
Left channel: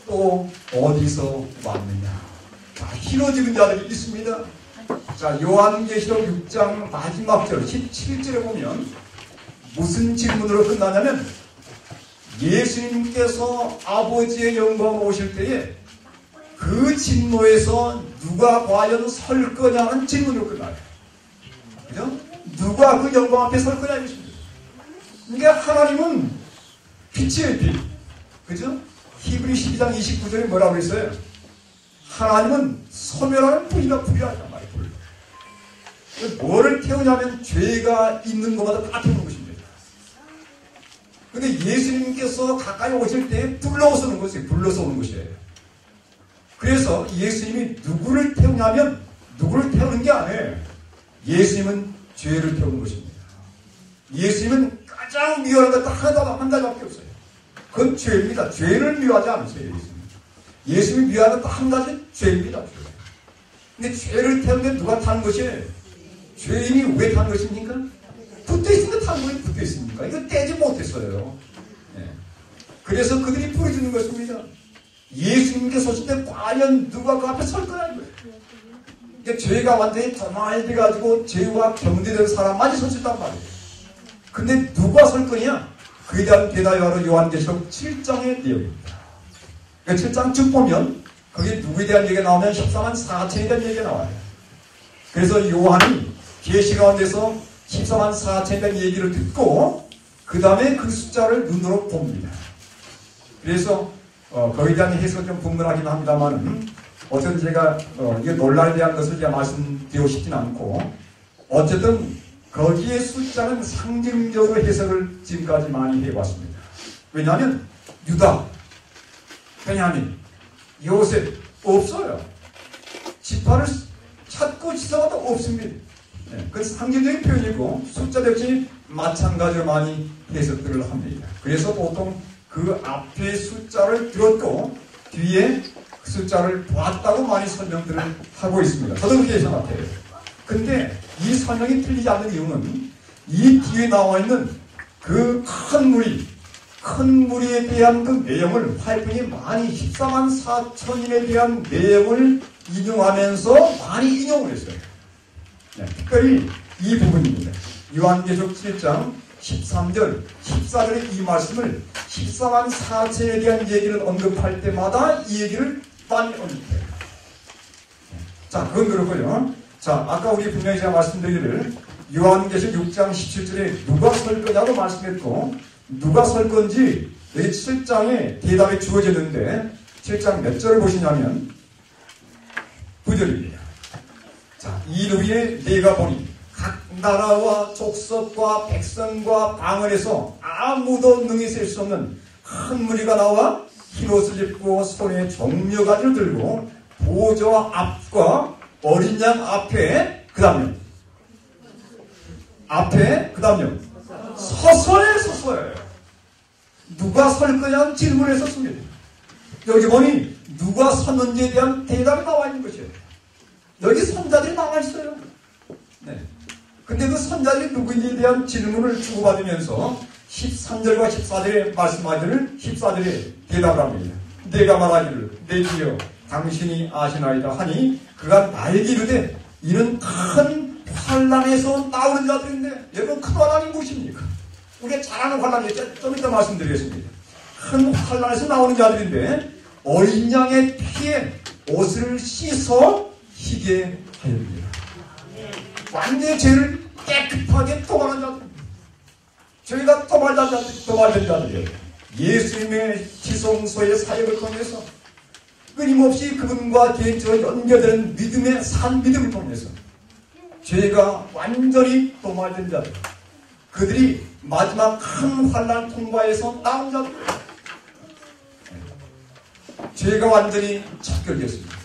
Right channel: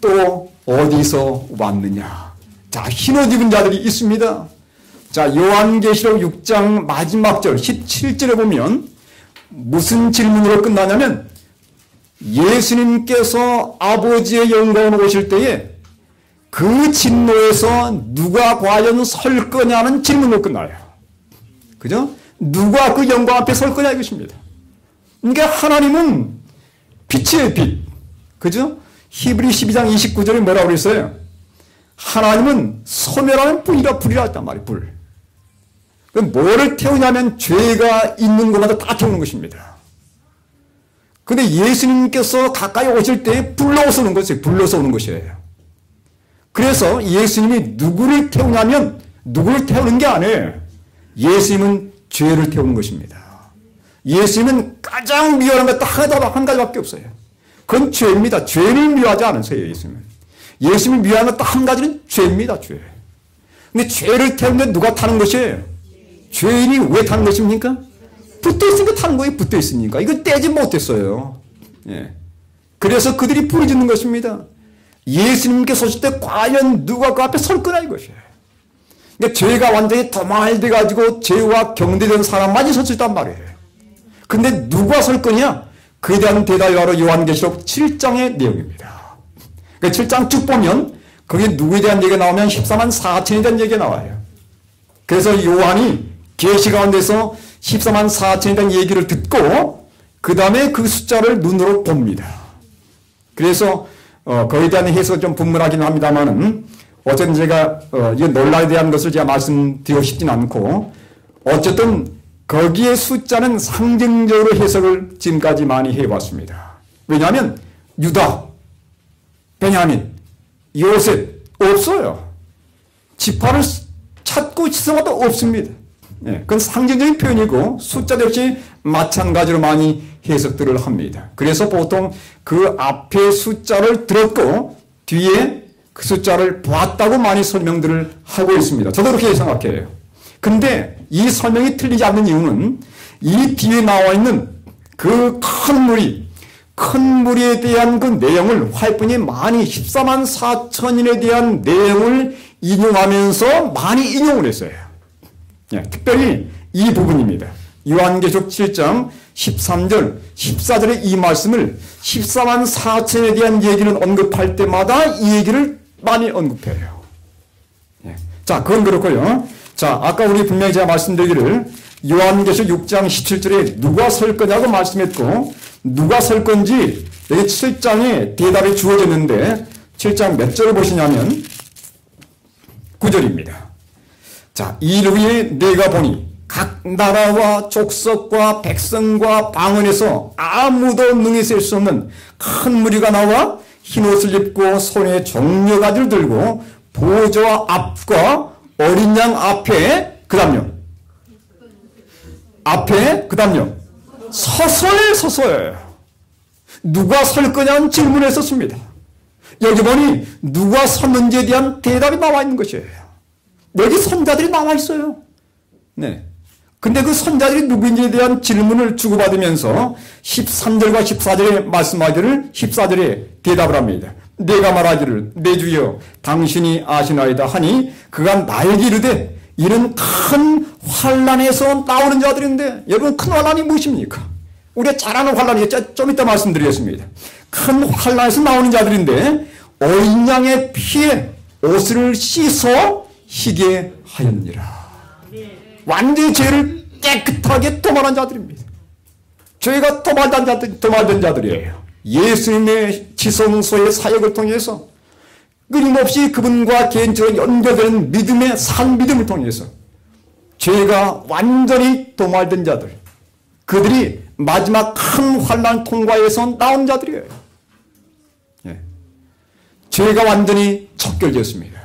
또 어디서 왔느냐. 자, 흰옷 입은 자들이 있습니다. 자, 요한계시록 6장 마지막 절 17절에 보면 무슨 질문으로 끝나냐면 예수님께서 아버지의 영광으로 오실 때에 그 진노에서 누가 과연 설 거냐는 질문으로 끝나요. 그죠? 누가 그 영광 앞에 설 거냐 이것입니다. 그러니까 하나님은 빛이에요, 빛. 그죠? 히브리 12장 29절에 뭐라고 그랬어요? 하나님은 소멸하는 불이라 했단 말이에요, 불. 그럼 뭐를 태우냐면 죄가 있는 것마다 다 태우는 것입니다. 근데 예수님께서 가까이 오실 때 불러서 오는 것이에요. 불러서 오는 것이에요. 그래서 예수님이 누구를 태우냐면 누구를 태우는 게 아니에요. 예수님은 죄를 태우는 것입니다. 예수님은 가장 미워하는 것 한 가지밖에 없어요. 그건 죄입니다. 죄를 미워하지 않으세요, 예수님은. 예수님이 미워하는 것 한 가지는 죄입니다, 죄. 근데 죄를 태우는데 누가 타는 것이에요? 죄인이 왜 타는 것입니까? 붙어 있으니까 타는 거예요, 붙어 있으니까. 이거 떼지 못했어요. 예. 그래서 그들이 부르짖는 것입니다. 예수님께서 오실 때 과연 누가 그 앞에 설 거냐 이것이에요. 그러니까 죄가 완전히 도말돼가지고 죄와 경대된 사람만이 설 수 있단 말이에요. 근데 누가 설 거냐? 그에 대한 대답이 바로 요한계시록 7장의 내용입니다. 그러니까 7장 쭉 보면 거기 누구에 대한 얘기가 나오면 14만 4천에 대한 얘기가 나와요. 그래서 요한이 계시 가운데서 14만 4천에 대한 얘기를 듣고 그 다음에 그 숫자를 눈으로 봅니다. 그래서 거기에 대한 해석은 좀 분분하긴 합니다만은 어쨌든 제가 이 논란에 대한 것을 제가 말씀드리고 싶진 않고 어쨌든 거기에 숫자는 상징적으로 해석을 지금까지 많이 해왔습니다. 왜냐하면 유다, 베냐민, 요셉 없어요. 지파를 찾고 지성화도 없습니다. 네, 그건 상징적인 표현이고 숫자도 역시 마찬가지로 많이 해석들을 합니다. 그래서 보통 그 앞에 숫자를 들었고 뒤에 그 숫자를 보았다고 많이 설명들을 하고 있습니다. 저도 그렇게 생각해요. 근데 이 설명이 틀리지 않는 이유는 이 뒤에 나와 있는 그 큰 무리에 대한 그 내용을 화이픈이 많이 14만 4천인에 대한 내용을 인용하면서 많이 인용을 했어요. 예, 특별히 이 부분입니다. 요한계시록 7장 13절, 14절의 이 말씀을 14만 4천에 대한 얘기를 언급할 때마다 이 얘기를 많이 언급해요. 예. 자, 그건 그렇고요. 자, 아까 우리 분명히 제가 말씀드리기를 요한계시록 6장 17절에 누가 설 거냐고 말씀했고 누가 설 건지 여기 7장에 대답이 주어졌는데 7장 몇 절을 보시냐면 9절입니다. 자, 이르기에 내가 보니 각 나라와 족속과 백성과 방언에서 아무도 능히 셀 수 없는 큰 무리가 나와 흰옷을 입고 손에 종려가지를 들고 보좌 앞과 어린 양 앞에 그 다음요 서서히 누가 설 거냐는 질문을 썼습니다. 여기 보니 누가 섰는지에 대한 대답이 나와 있는 것이에요. 여기 선자들이 나와 있어요. 네. 근데 그 선자들이 누구인지에 대한 질문을 주고받으면서 13절과 14절에 말씀하기를 14절에 대답을 합니다. 내가 말하기를 내 주여 당신이 아시나이다 하니 그가 나에게 이르되 이는 큰 환난에서 나오는 자들인데 여러분 큰 환난이 무엇입니까? 우리가 잘 아는 환란이겠죠. 좀 이따 말씀드리겠습니다. 큰 환란에서 나오는 자들인데 어린 양의 피에 옷을 씻어 희게 하였느니라. 완전히 죄를 깨끗하게 도말한 자들입니다. 죄가 도말된 자들이에요. 예수님의 지성소의 사역을 통해서 끊임없이 그분과 개인적으로 연결되는 믿음의 산 믿음을 통해서 죄가 완전히 도말된 자들, 그들이 마지막 큰 환난 통과에서 나온 자들이에요. 예. 죄가 완전히 척결됐습니다.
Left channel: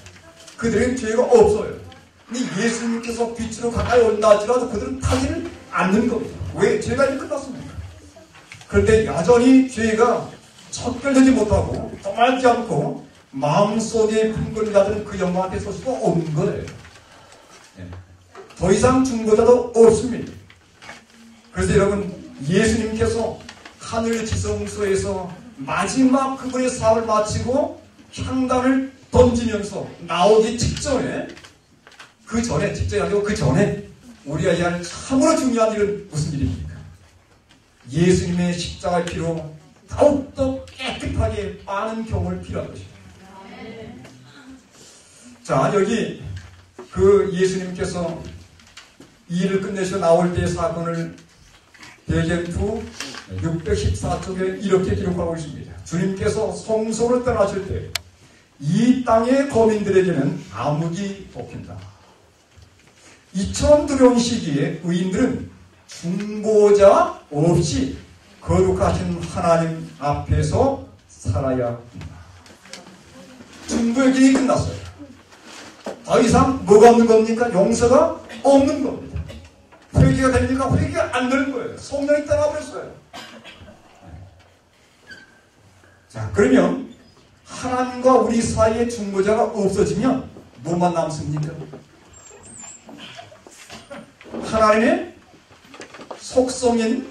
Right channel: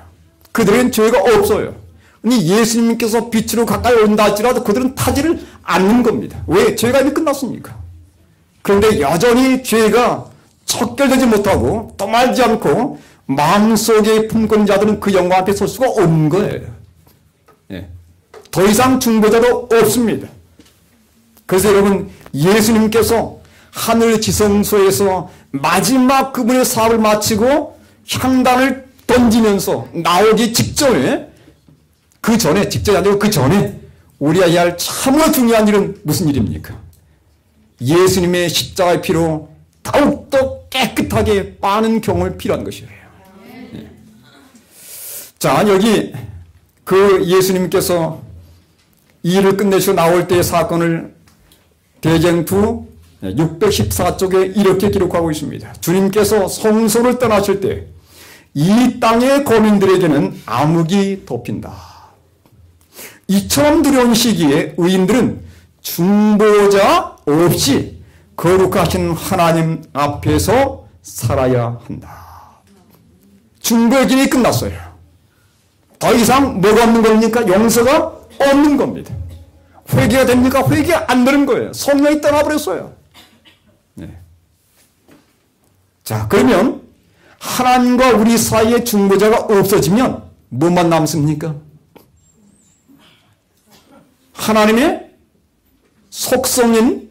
그들은 죄가 없어요. 예수님께서 빛으로 가까이 온다 할지라도 그들은 타지를 않는 겁니다. 왜? 죄가 이미 끝났습니까? 그런데 여전히 죄가 척결되지 못하고 떠말지 않고 마음속에 품고 있는 자들은 그 영광 앞에 설 수가 없는 거예요. 예. 더 이상 중보자도 없습니다. 그래서 여러분, 예수님께서 하늘 지성소에서 마지막 그분의 사업을 마치고 향단을 던지면서 나오기 직전에, 직전이 아니고 그 전에 우리가 해야 할 참으로 중요한 일은 무슨 일입니까? 예수님의 십자가의 피로 더욱더 깨끗하게 빠는 경험을 필요한 것이에요. 자, 여기 그 예수님께서 이 일을 끝내시고 나올 때의 사건을 대쟁투 614쪽에 이렇게 기록하고 있습니다. 주님께서 성소를 떠나실 때 이 땅의 거민들에게는 암흑이 덮인다. 이처럼 두려운 시기에 의인들은 중보자 없이 거룩하신 하나님 앞에서 살아야 한다. 중보의 길이 끝났어요. 더 이상 뭐가 없는 겁니까? 용서가 없는 겁니다. 회개가 됩니까? 회개 안 되는 거예요. 성령이 떠나버렸어요. 네. 자, 그러면 하나님과 우리 사이에 중보자가 없어지면 뭐만 남습니까? 하나님의 속성인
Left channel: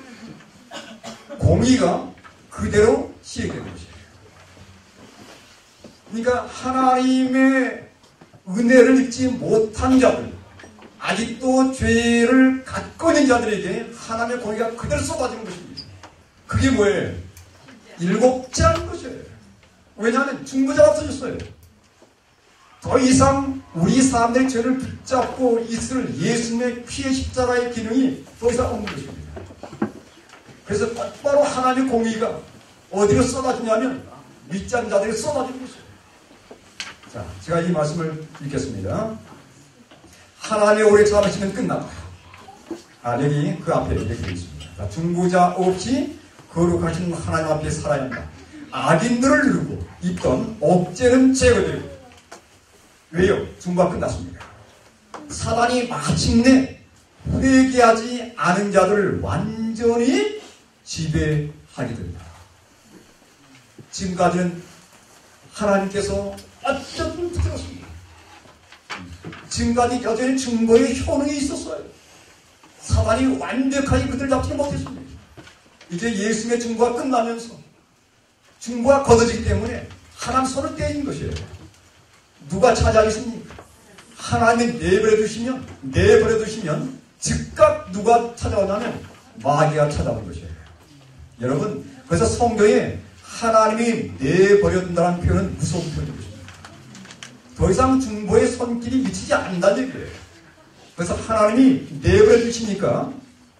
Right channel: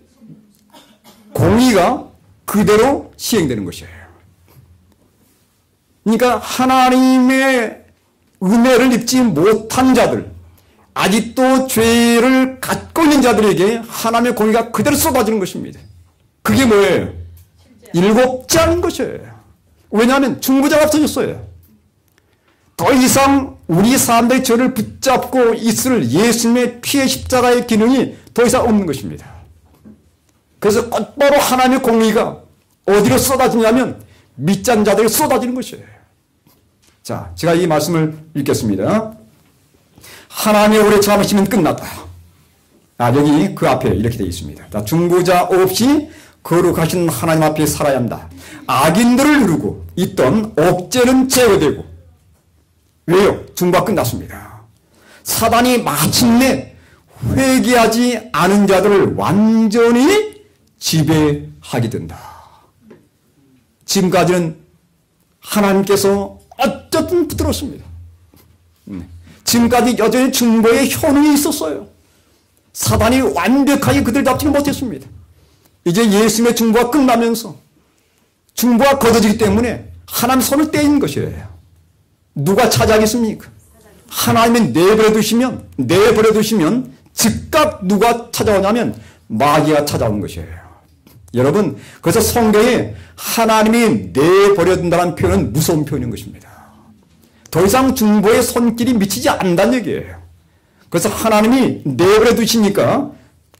공의가 그대로 시행되는 것이에요. 그러니까 하나님의 은혜를 입지 못한 자들, 아직도 죄를 갖고 있는 자들에게 하나님의 공의가 그대로 쏟아지는 것입니다. 그게 뭐예요? 일곱자인 것이에요. 왜냐하면 중보자가 없어졌어요. 더 이상 우리 사람들의 죄를 붙잡고 있을 예수님의 피의 십자가의 기능이 더 이상 없는 것입니다. 그래서 곧바로 하나님의 공의가 어디로 쏟아지냐면 믿지 자들이 쏟아지는 것이에요. 자, 제가 이 말씀을 읽겠습니다. 하나님의 오래 참으시면 끝났다. 여기 그 앞에 이렇게 되어 있습니다. 자, 중보자 없이 거룩하신 하나님 앞에 살아야 한다. 악인들을 누르고 있던 억제는 제거되고. 왜요? 중보가 끝났습니다. 사단이 마침내 회개하지 않은 자들을 완전히 지배하게 된다. 지금까지는 하나님께서 어쨌든 붙들었습니다. 지금까지 여전히 중보의 현황이 있었어요. 사단이 완벽하게 그들 잡지 못했습니다. 이제 예수님의 중보가 끝나면서 중보가 거둬지기 때문에 하나님 손을 떼인 것이에요. 누가 찾아가겠습니까? 하나님이 내버려 두시면 즉각 누가 찾아오냐면 마귀가 찾아오는 것이에요. 여러분, 그래서 성경에 하나님이 내버려 둔다는 표현은 무서운 표현인 것입니다. 더 이상 중보의 손길이 미치지 않는다는 얘기예요. 그래서 하나님이 내버려 두시니까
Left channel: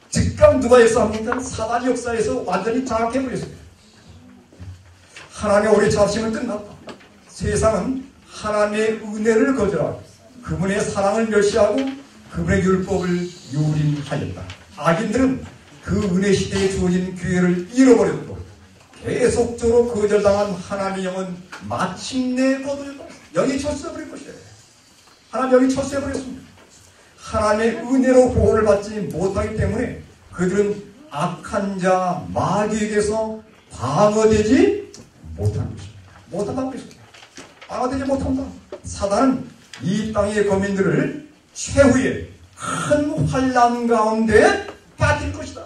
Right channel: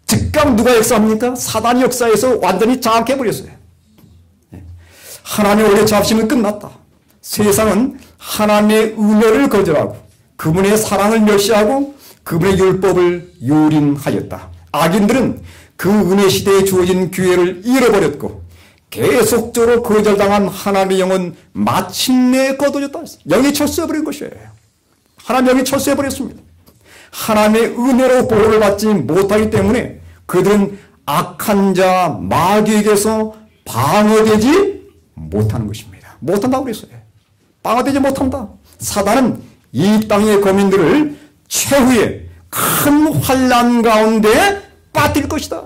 즉각 누가 역사합니까? 사단이 역사에서 완전히 장악해버렸어요. 하나님의 오래 잡심은 끝났다. 세상은 하나님의 은혜를 거절하고 그분의 사랑을 멸시하고 그분의 율법을 유린하였다. 악인들은 그 은혜 시대에 주어진 기회를 잃어버렸고 계속적으로 거절당한 하나님의 영은 마침내 거둬졌다. 영이 철수해버린 것이에요. 하나님 영이 철수해버렸습니다. 하나님의 은혜로 보호를 받지 못하기 때문에 그들은 악한 자 마귀에게서 방어되지 못하는 것입니다. 못한다고 그랬어요. 방어되지 못한다. 사단은 이 땅의 거민들을 최후의 큰 환난 가운데 빠뜨릴 것이다.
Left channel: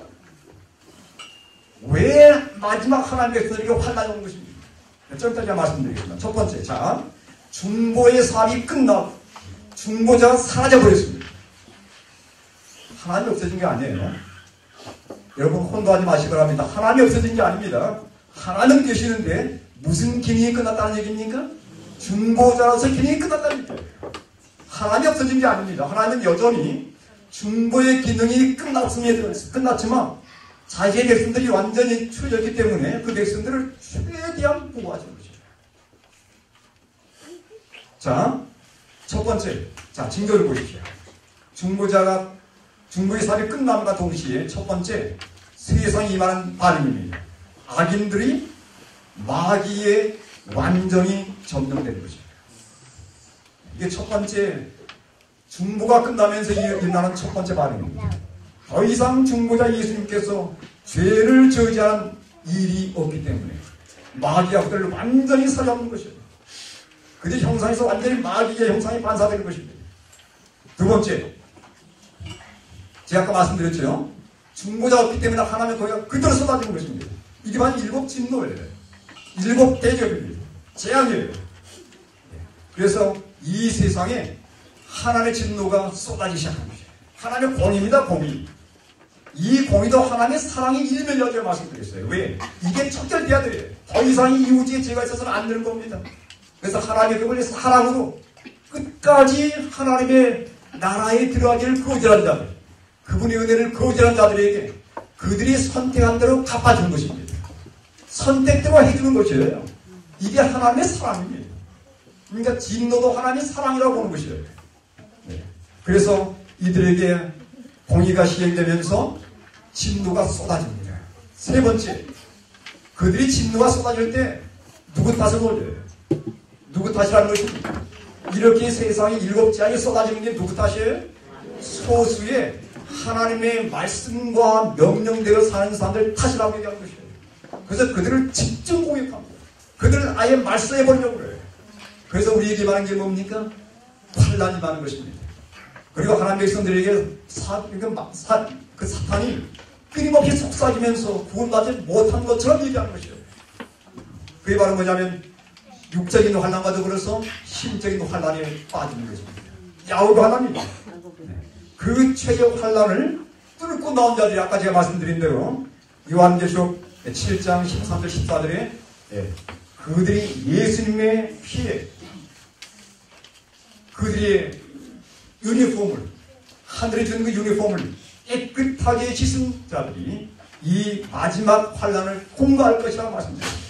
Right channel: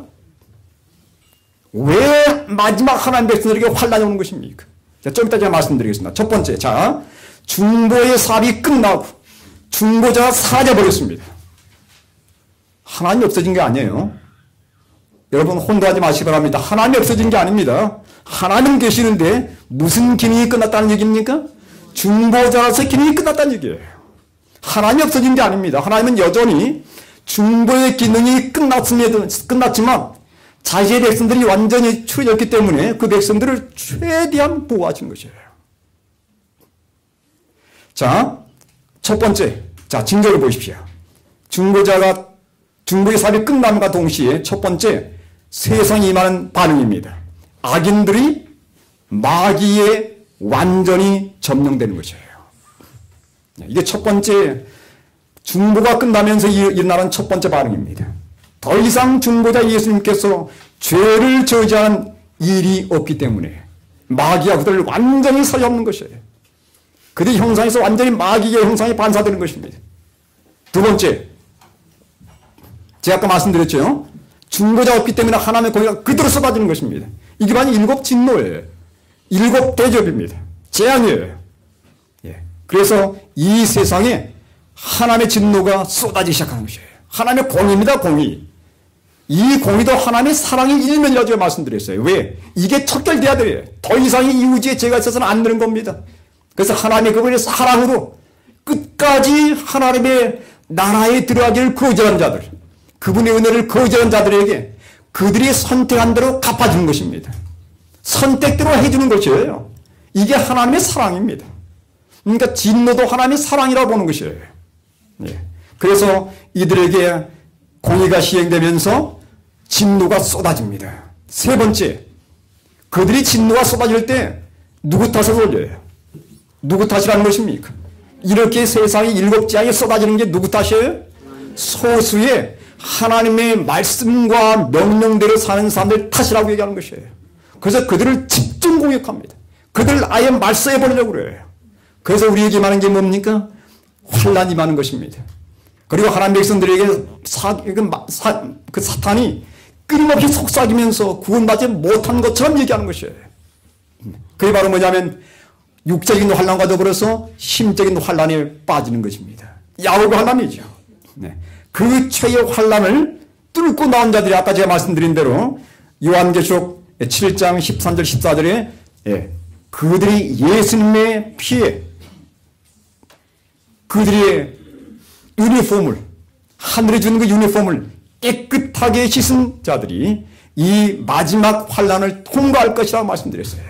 왜 마지막 하나님 백성들에게 환난이 오는 것입니까? 자, 좀 이따 제가 말씀드리겠습니다. 첫 번째, 자, 중보의 사업이 끝나고 중보자가 사라져버렸습니다. 하나님이 없어진 게 아니에요. 여러분 혼동하지 마시기 바랍니다. 하나님이 없어진 게 아닙니다. 하나님은 계시는데 무슨 기능이 끝났다는 얘기입니까? 중보자로서 기능이 끝났다는 얘기예요. 하나님이 없어진 게 아닙니다. 하나님은 여전히 중보의 기능이 끝났지만 자신의 백성들이 완전히 추해졌기 때문에 그 백성들을 최대한 보호하신 것이에요. 자, 첫 번째, 자, 징조를 보십시오. 중보의 사업이 끝남과 동시에 첫 번째, 세상에 임하는 반응입니다. 악인들이 마귀에 완전히 점령되는 것이에요. 이게 첫 번째, 중보가 끝나면서 일어나는 첫 번째 반응입니다. 더 이상 중보자 예수님께서 죄를 저지한 일이 없기 때문에 마귀가 그들을 완전히 사용하는 것이에요. 그들의 형상에서 완전히 마귀의 형상에 반사되는 것입니다. 두 번째, 제가 아까 말씀드렸죠. 중보자가 없기 때문에 하나님의 공의가 그대로 쏟아지는 것입니다. 이게 바로 일곱 진노예요. 일곱 대접입니다. 재앙이에요. 그래서 이 세상에 하나님의 진노가 쏟아지기 시작하는 것이에요. 하나님의 공의입니다. 공의. 이 공의도 하나님의 사랑의 일면이라고 제가 말씀드렸어요. 왜? 이게 척결돼야 돼요. 더 이상 이 우주에 죄가 있어서는 안 되는 겁니다. 그래서 하나님의 그분의 사랑으로 끝까지 하나님의 나라에 들어가기를 거절한 자들, 그분의 은혜를 거절한 자들에게 그들이 선택한 대로 갚아주는 것입니다. 선택대로 해주는 것이에요. 이게 하나님의 사랑입니다. 그러니까 진노도 하나님의 사랑이라고 보는 것이에요. 그래서 이들에게 공의가 시행되면서 진노가 쏟아집니다. 세 번째, 그들이 진노가 쏟아질 때 누구 탓을 올려요? 누구 탓이라는 것입니까? 이렇게 세상에 일곱 재앙이 쏟아지는 게 누구 탓이에요? 소수의 하나님의 말씀과 명령대로 사는 사람들 탓이라고 얘기하는 것이에요. 그래서 그들을 집중 공격합니다. 그들을 아예 말살해버리려고 그래요. 그래서 우리에게 말하는 게 뭡니까? 환란이 많은 것입니다. 그리고 하나님 백성들에게 그 사탄이 끊임없이 속삭이면서 구원받지 못한 것처럼 얘기하는 것이에요. 그게 바로 뭐냐면 육적인 환란과 더불어서 심적인 환란에 빠지는 것입니다. 야곱 환란이죠. 그 최의 환란을 뚫고 나온 자들이 아까 제가 말씀드린 대로 요한계시록 7장 13절 14절에 그들이 예수님의 피에 그들의 유니폼을 하늘에 주는 그 유니폼을 깨끗하게 씻은 자들이 이 마지막 환란을 통과할 것이라고 말씀드렸어요.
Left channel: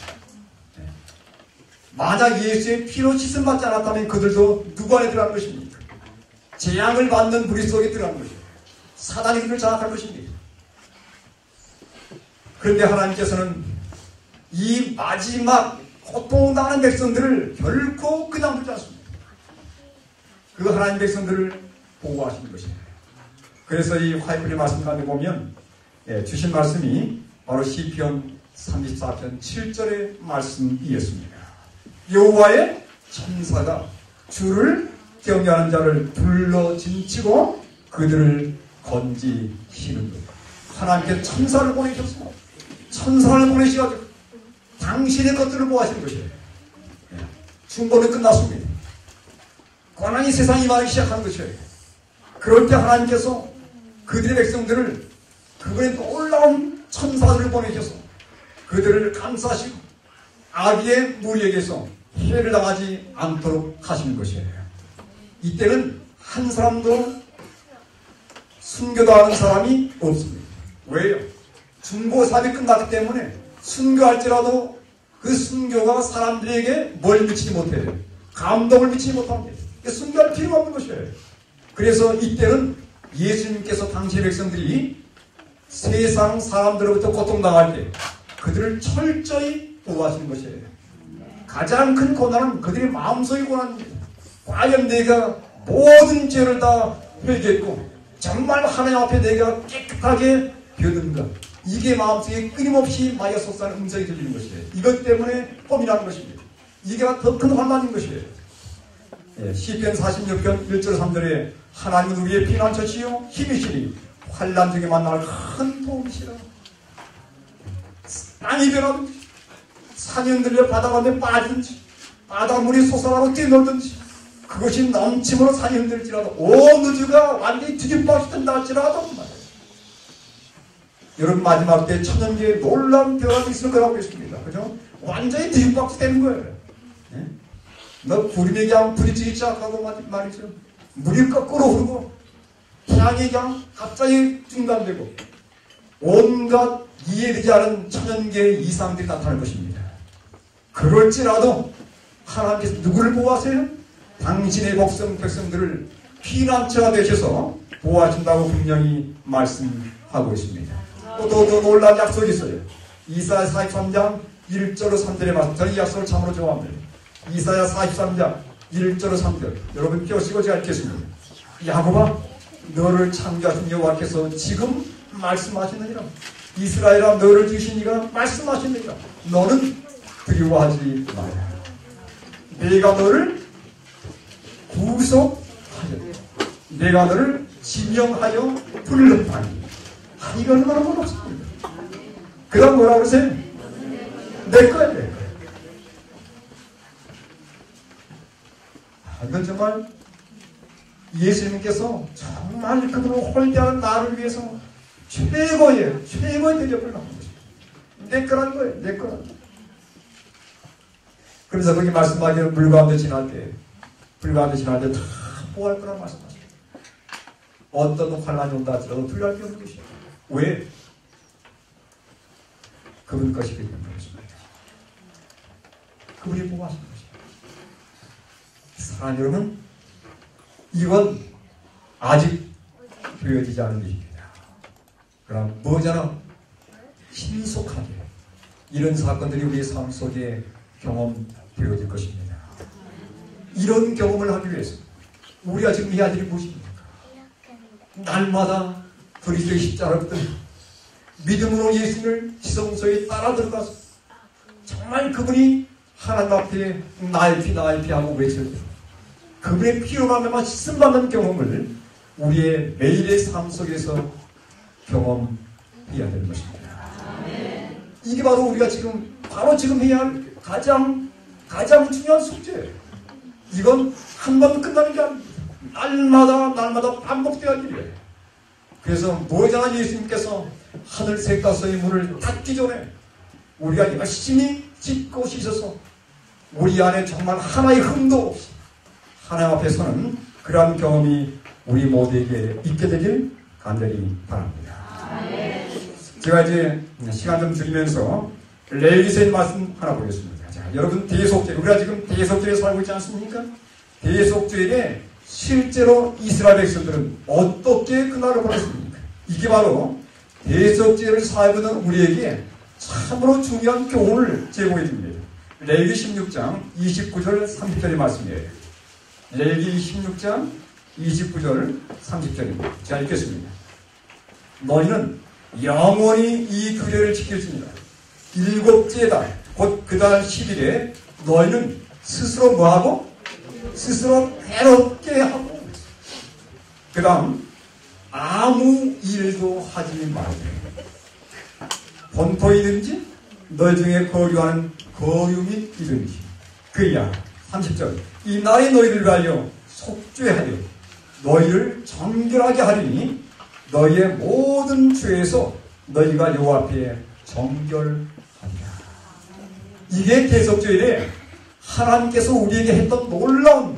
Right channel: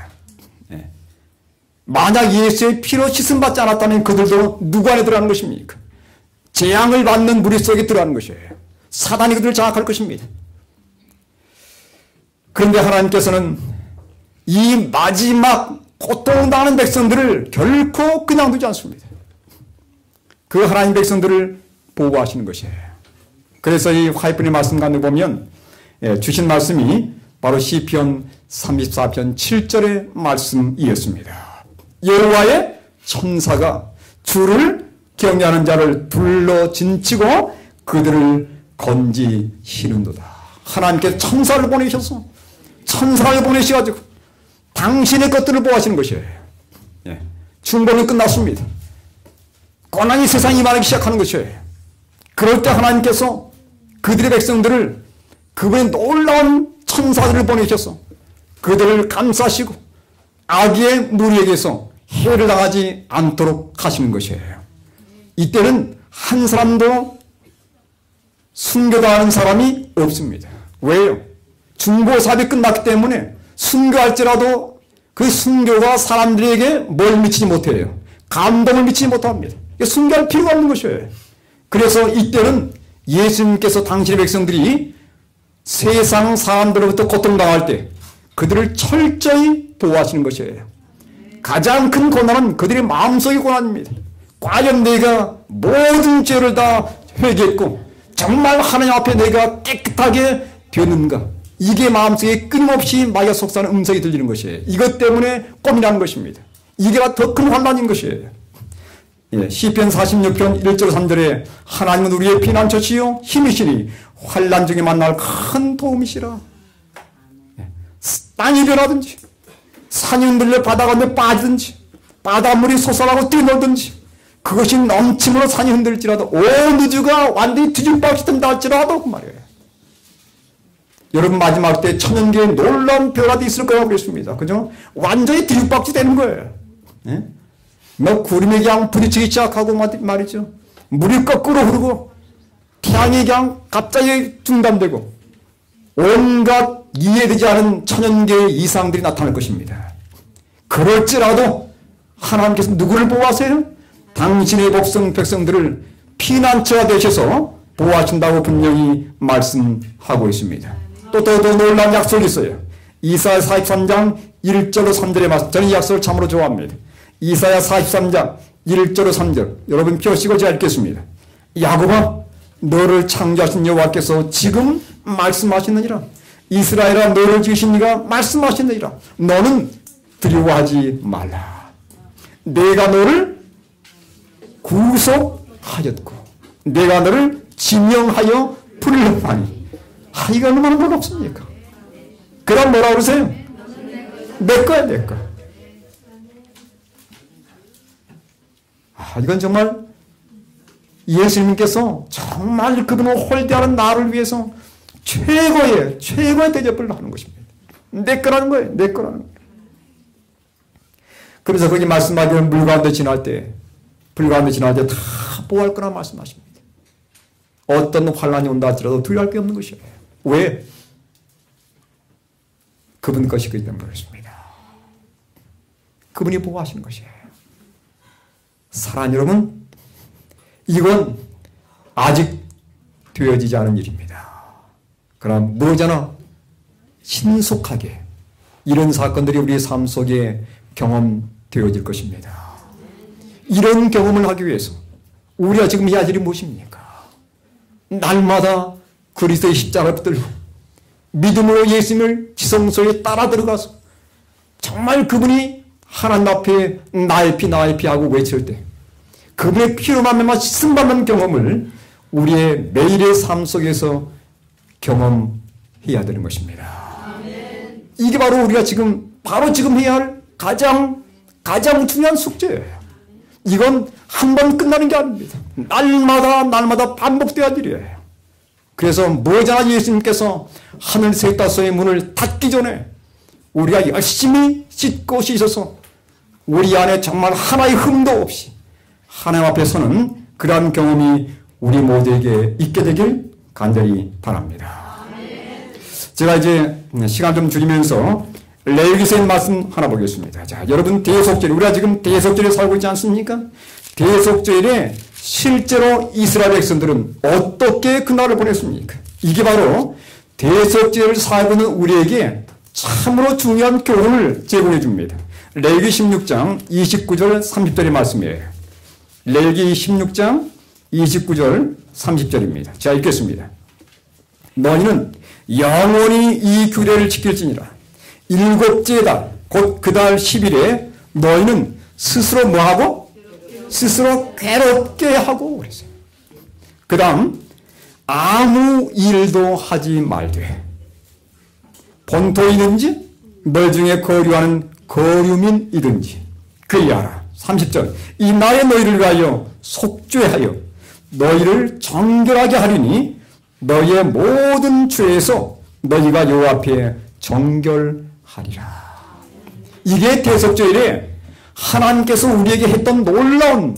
만약 예수의 피로 씻음 받지 않았다면 그들도 누구 안에 들어가는 것입니까? 재앙을 받는 무리 속에 들어가는 것이에요. 사단이 그들을 장악할 것입니다. 그런데 하나님께서는 이 마지막 고통당하는 백성들을 결코 그냥 두지 않습니다. 그 하나님 백성들을 보호하시는 것이에요. 그래서 이 화이프의 말씀 가운데 보면 주신 말씀이 바로 시편 34편 7절의 말씀이었습니다. 여호와의 천사가 주를 경외하는 자를 둘러 진치고 그들을 건지시는도다. 하나님께서 천사를 보내셔서 천사를 보내셔가지고 당신의 것들을 보호하시는 것이에요. 중보는 끝났습니다. 고난이 세상에 임하기 시작하는 것이에요. 그럴 때 하나님께서 그들의 백성들을 그분의 놀라운 천사들을 보내셔서 그들을 감싸시고 악의 무리에게서 해를 당하지 않도록 하시는 것이에요. 이때는 한 사람도 순교당하는 사람이 없습니다. 왜요? 중보사업이 끝났기 때문에 순교할지라도 그 순교가 사람들에게 뭘 미치지 못해요. 감동을 미치지 못합니다. 순교할 필요가 없는 것이에요. 그래서 이때는 예수님께서 당신의 백성들이 세상 사람들로부터 고통당할 때 그들을 철저히 보호하시는 것이에요. 가장 큰 고난은 그들의 마음속의 고난입니다. 과연 내가 모든 죄를 다 회개했고 정말 하나님 앞에 내가 깨끗하게 되는가? 이게 마음속에 끊임없이 마귀가 속삭이는 음성이 들리는 것이에요. 이것 때문에 고민하는 것입니다. 이게 더 큰 환난인 것이에요. 시편 46편 1절 3절에 하나님은 우리의 피난처시요 힘이시니 환난 중에 만날 큰 도움이시라. 땅이 변하든지 산이 흔들려 바다 가운데 빠지든지 바닷물이 솟아나고 뛰놀든지 그것이 넘침으로 산이 흔들지라도 온 우주가 완전히 뒤집어 엎친다 할지라도 그 말이에요. 여러분 마지막 때 천년계에 놀라운 변화도 있을 거라고 그랬습니다. 그죠? 완전히 들이박지 되는 거예요. 예? 뭐 구름이 그냥 부딪히기 시작하고 말이죠. 물이 거꾸로 흐르고 태양이 그냥 갑자기 중단되고 온갖 이해되지 않은 천연계의 이상들이 나타날 것입니다. 그럴지라도 하나님께서 누구를 보호하세요? 당신의 백성들을 피난처가 되셔서 보호하신다고 분명히 말씀하고 있습니다. 또 더 놀라운 약속이 있어요. 이사야 43장 1절로 3절의 말씀. 저는 이 약속을 참으로 좋아합니다. 이사야 43장 1절로 3절. 여러분 펴시고 제가 읽겠습니다. 야곱아, 너를 창조하신 여호와께서 지금 말씀하시느니라. 이스라엘아, 너를 지으신 이가 말씀하시느니라. 너는 두려워하지 말라. 내가 너를 구속하였고 내가 너를 지명하여 불렀하니. 이거 얼마나 고맙습니까? 그럼 뭐라 그러세요? 내 거야, 내 거야. 이건 정말 예수님께서 정말 그분을 홀대하는 나를 위해서 최고의 대접을 하는 것입니다. 내 거라는 거예요. 내 거라는 거예요. 그래서 거기 말씀하기는 물 가운데 지날 때 다 보호할 거라 말씀하십니다. 어떤 환란이 온다 할지라도 두려워할 게 없는 것이요. 왜? 그분 것이기 때문에 그렇습니다. 그분이 보호하시는 것이에요. 사랑하는 여러분, 이건 아직 되어지지 않은 일입니다. 그러나 무엇이나 신속하게 이런 사건들이 우리의 삶 속에 경험되어질 것입니다. 이런 경험을 하기 위해서 우리가 지금 해야 할 일이 무엇입니까? 날마다 그리스도의 십자가를 붙들고 믿음으로 예수님을 지성소에 따라 들어가서 정말 그분이 하나님 앞에 나의 피 하고 외칠 때 그분의 피로 말미암아 씻음받는 경험을 우리의 매일의 삶 속에서 경험해야 되는 것입니다. 이게 바로 우리가 지금 해야 할 가장 중요한 숙제예요. 이건 한 번 끝나는 게 아닙니다. 날마다 반복돼야 될 일이에요. 그래서 모자란 예수님께서 하늘 셋 다섯의 문을 닫기 전에 우리가 열심히 씻고 씻어서 우리 안에 정말 하나의 흠도 없이 하나님 앞에 서는 그러한 경험이 우리 모두에게 있게 되길 간절히 바랍니다. 제가 이제 시간 좀 줄이면서 레위기서의 말씀 하나 보겠습니다. 자, 여러분 대속절, 우리가 지금 대속절에 살고 있지 않습니까? 대속절에 실제로 이스라엘 백성들은 어떻게 그날을 보냈습니까? 이게 바로 대속절을 살고는 우리에게 참으로 중요한 교훈을 제공해 줍니다. 레위기 16장 29절 30절의 말씀이에요. 레위기 16장 29절 30절입니다. 자, 읽겠습니다. 너희는 영원히 이 규례를 지킬지니라. 일곱째 달, 곧 그 달 10일에 너희는 스스로 뭐하고? 스스로 괴롭게 하고 그랬어요. 그 다음 아무 일도 하지 말되 본토이든지 너 중에 거류하는 거류민이든지 그리하라. 30절 이 날에 너희를 위하여 속죄하여 너희를 정결하게 하리니 너희의 모든 죄에서 너희가 여호와 앞에 정결하리라. 이게 대속절에 하나님께서 우리에게 했던 놀라운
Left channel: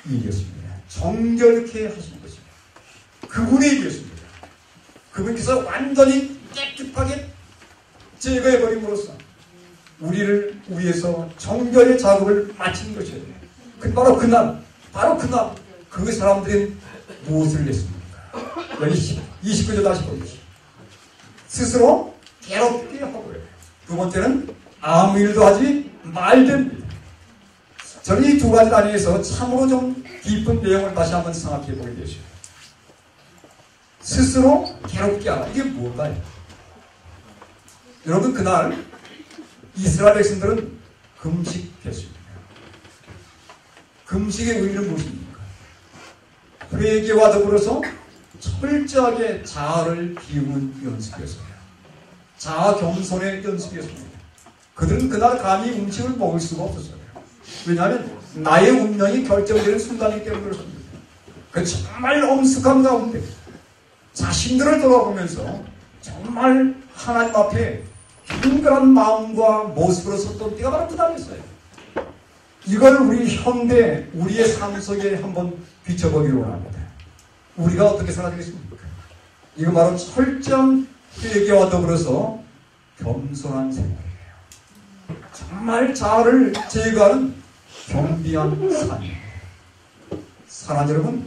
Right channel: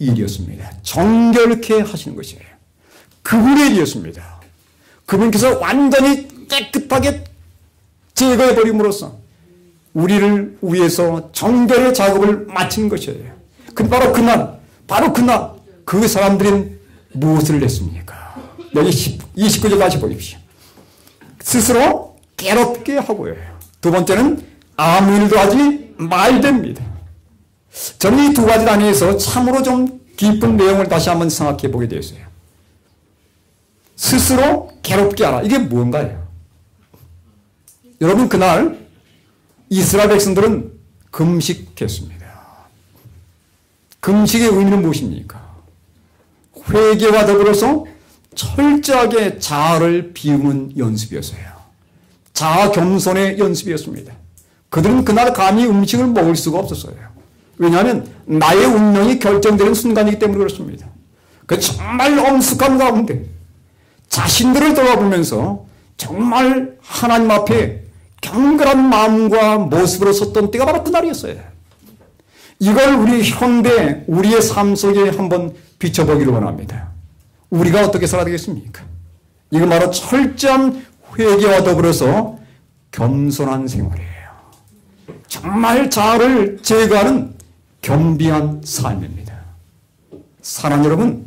일이었습니다. 정결케 하시는 것이에요. 그분의 일이었습니다. 그분께서 완전히 깨끗하게 제거해버림으로써 우리를 위해서 정결의 작업을 마친 것이에요. 근데 바로 그날 그 사람들은 무엇을 했습니까? 여기 29절 다시 보십시오. 스스로 괴롭게 하고요. 두 번째는 아무 일도 하지 말됩니다. 저는 이 두 가지 단위에서 참으로 좀 깊은 내용을 다시 한번 생각해 보게 되었어요. 스스로 괴롭게 하라. 이게 뭔가요? 여러분 그날 이스라엘 백성들은 금식했습니다. 금식의 의미는 무엇입니까? 회개와 더불어서 철저하게 자아를 비우는 연습이었어요. 자아 겸손의 연습이었습니다. 그들은 그날 감히 음식을 먹을 수가 없었어요. 왜냐하면 나의 운명이 결정되는 순간이기 때문에 그렇습니다. 그 정말 엄숙한 가운데 자신들을 돌아보면서 정말 하나님 앞에 경건한 마음과 모습으로 섰던 때가 바로 그날이었어요. 이걸 우리 현대 우리의 삶 속에 한번 비춰보기를 원합니다. 우리가 어떻게 살아야 되겠습니까? 이건 바로 철저한 회개와 더불어서 겸손한 생활이에요. 정말 자아를 제거하는 겸비한 삶입니다. 사랑하는 여러분,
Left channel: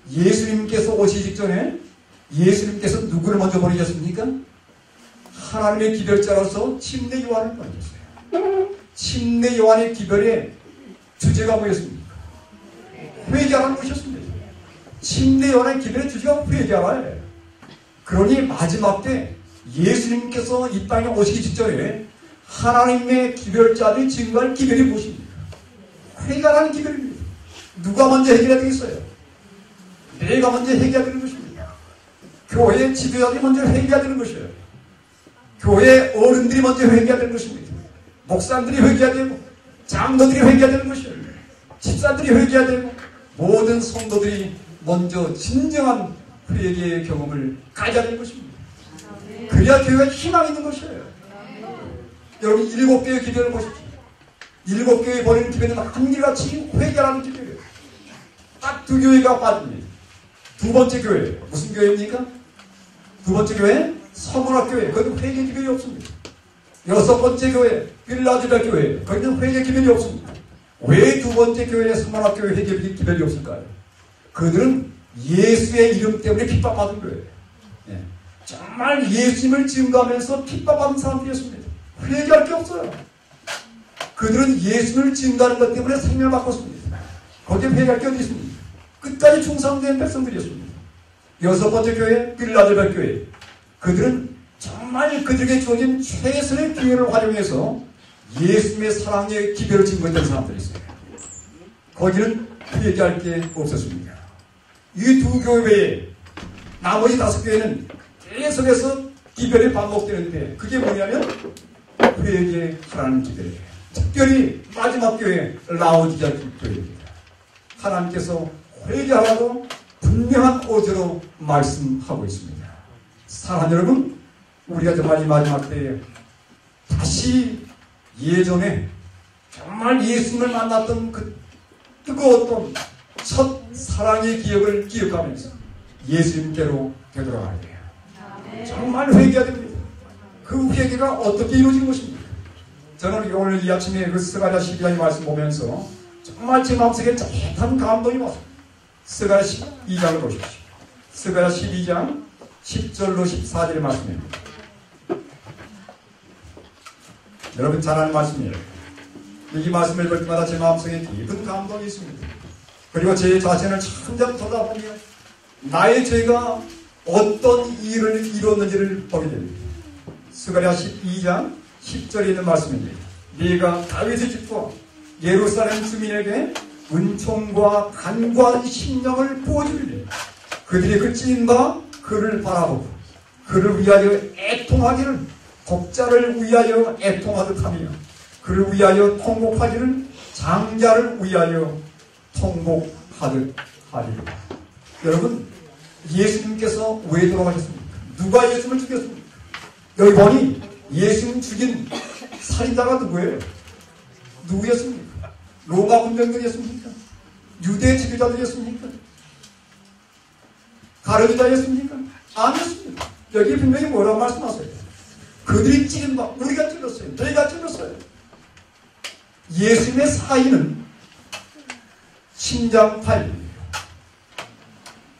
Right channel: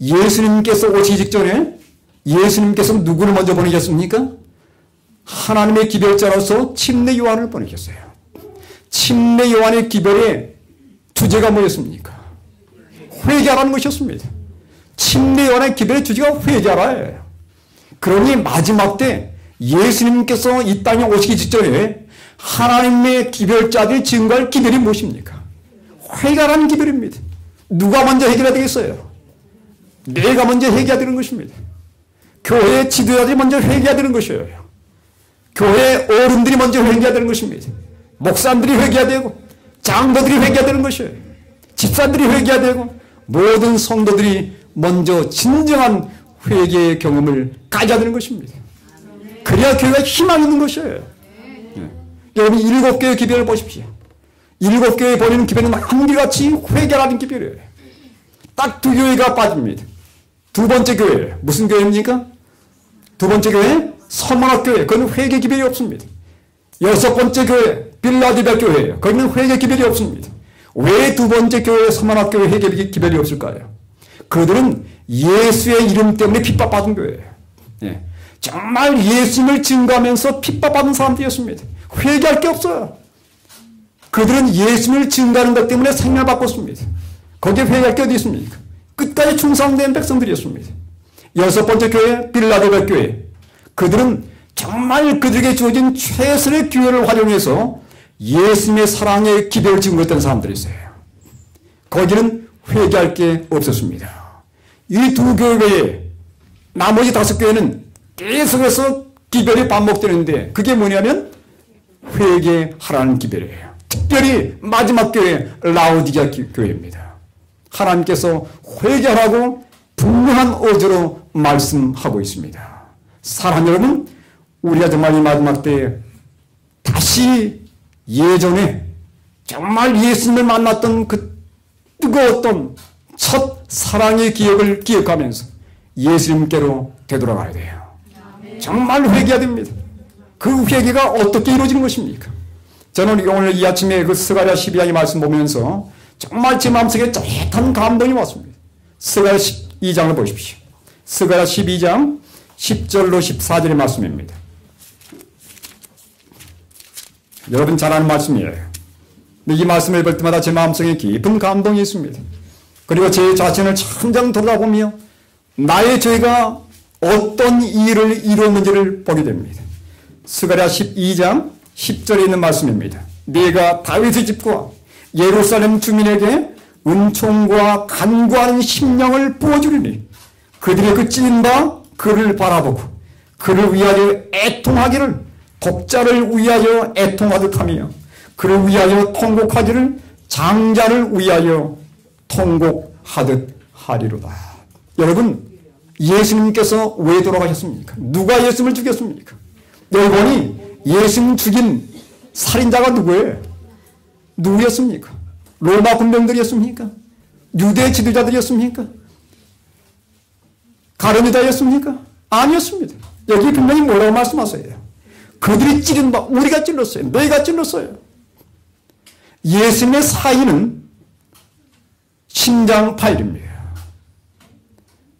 예수님께서 오시기 직전에 예수님께서 누구를 먼저 보내셨습니까? 하나님의 기별자로서 침례 요한을 보내셨어요. 침례 요한의 기별의 주제가 뭐였습니까? 회개하라는 것이었습니다. 침례 요한의 기별의 주제가 회개하라예요. 그러니 마지막 때 예수님께서 이 땅에 오시기 직전에 하나님의 기별자들이 증거할 기별이 무엇입니까? 회개하라는 기별입니다. 누가 먼저 회개해야 되겠어요? 내가 먼저 회개해야 되는 것입니다. 교회 지도자들이 먼저 회개해야 되는 것이에요. 교회 어른들이 먼저 회개해야 되는 것입니다. 목사님들이 회개해야 되고 장로들이 회개해야 되는 것이에요. 집사들이 회개해야 되고 모든 성도들이 먼저 진정한 회개의 경험을 가져야 되는 것입니다. 그래야 교회가 희망 있는 것이에요. 여러분 7개의 기별을 보십시오. 7교회 보내는 기별은 한결같이 회개하는 기별이에요. 딱 2교회가 빠집니다. 두 번째 교회 무슨 교회입니까? 두 번째 교회 서문학 교회. 거기는 회개 기별이 없습니다. 6번째 교회 빌라델비아 교회. 거기는 회개 기별이 없습니다. 왜 두 번째 교회 서문학 교회 회개 기별이 없을까요? 그들은 예수의 이름 때문에 핍박받은 교회예요. 예. 정말 예수를 증거하면서 핍박받은 사람들이었습니다. 회개할 게 없어요. 그들은 예수를 증거하는 것 때문에 생명을 바꿨습니다. 거기에 회개할 게 어디 있습니까? 끝까지 충성된 백성들이었습니다. 6번째 교회 빌라델비아 교회. 그들은 정말 그들에게 주어진 최선의 기회를 활용해서 예수님의 사랑의 기별을 증거했던 사람들이었어요. 거기는 회개할 게 없었습니다. 이 두 교회 나머지 5교회는 계속해서 기별이 반복되는데 그게 뭐냐면 회개하라는 기별이에요. 특별히 마지막 교회 라오디게아 교회입니다. 하나님께서 회개하라고 분명한 어조로 말씀하고 있습니다. 사랑하는 여러분, 우리가 정말 이 마지막 때에 다시 예전에 정말 예수님을 만났던 그 뜨거웠던 첫 사랑의 기억을 기억하면서 예수님께로 되돌아가야 돼요. 정말 회개해야 됩니다. 그 회개가 어떻게 이루어진 것입니까? 저는 오늘 이 아침에 그 스가랴 12장의 말씀 보면서 정말 제 마음속에 짜릿한 감동이 왔습니다. 스가랴 12장을 보십시오. 스가랴 12장 10절로 14절의 말씀입니다. 여러분 잘 아는 말씀이에요. 이 말씀을 볼 때마다 제 마음속에 깊은 감동이 있습니다. 그리고 제 자신을 천장 돌아보며 나의 죄가 어떤 일을 이루었는지를 보게 됩니다. 스가랴 12장 10절에 있는 말씀입니다. 네가 다윗의 집과 예루살렘 주민에게 은총과 간구하는 심령을 부어주리니 그들의 그 찢은 바 그를 바라보고 그를 위하여 애통하기를 독자를 위하여 애통하듯 하며 그를 위하여 통곡하기를 장자를 위하여 통곡하듯 하리로라. 여러분 예수님께서 왜 돌아가셨습니까? 누가 예수님을 죽였습니까? 여러분이 예수님 죽인 살인자가 누구예요? 누구였습니까? 로마 군병들이었습니까? 유대 지도자들이었습니까? 가룟유다였습니까? 아니었습니다. 여기 분명히 뭐라고 말씀하세요? 그들이 찌른 바 우리가 찔렀어요. 너희가 찔렀어요. 예수님의 사인은 심장파일입니다.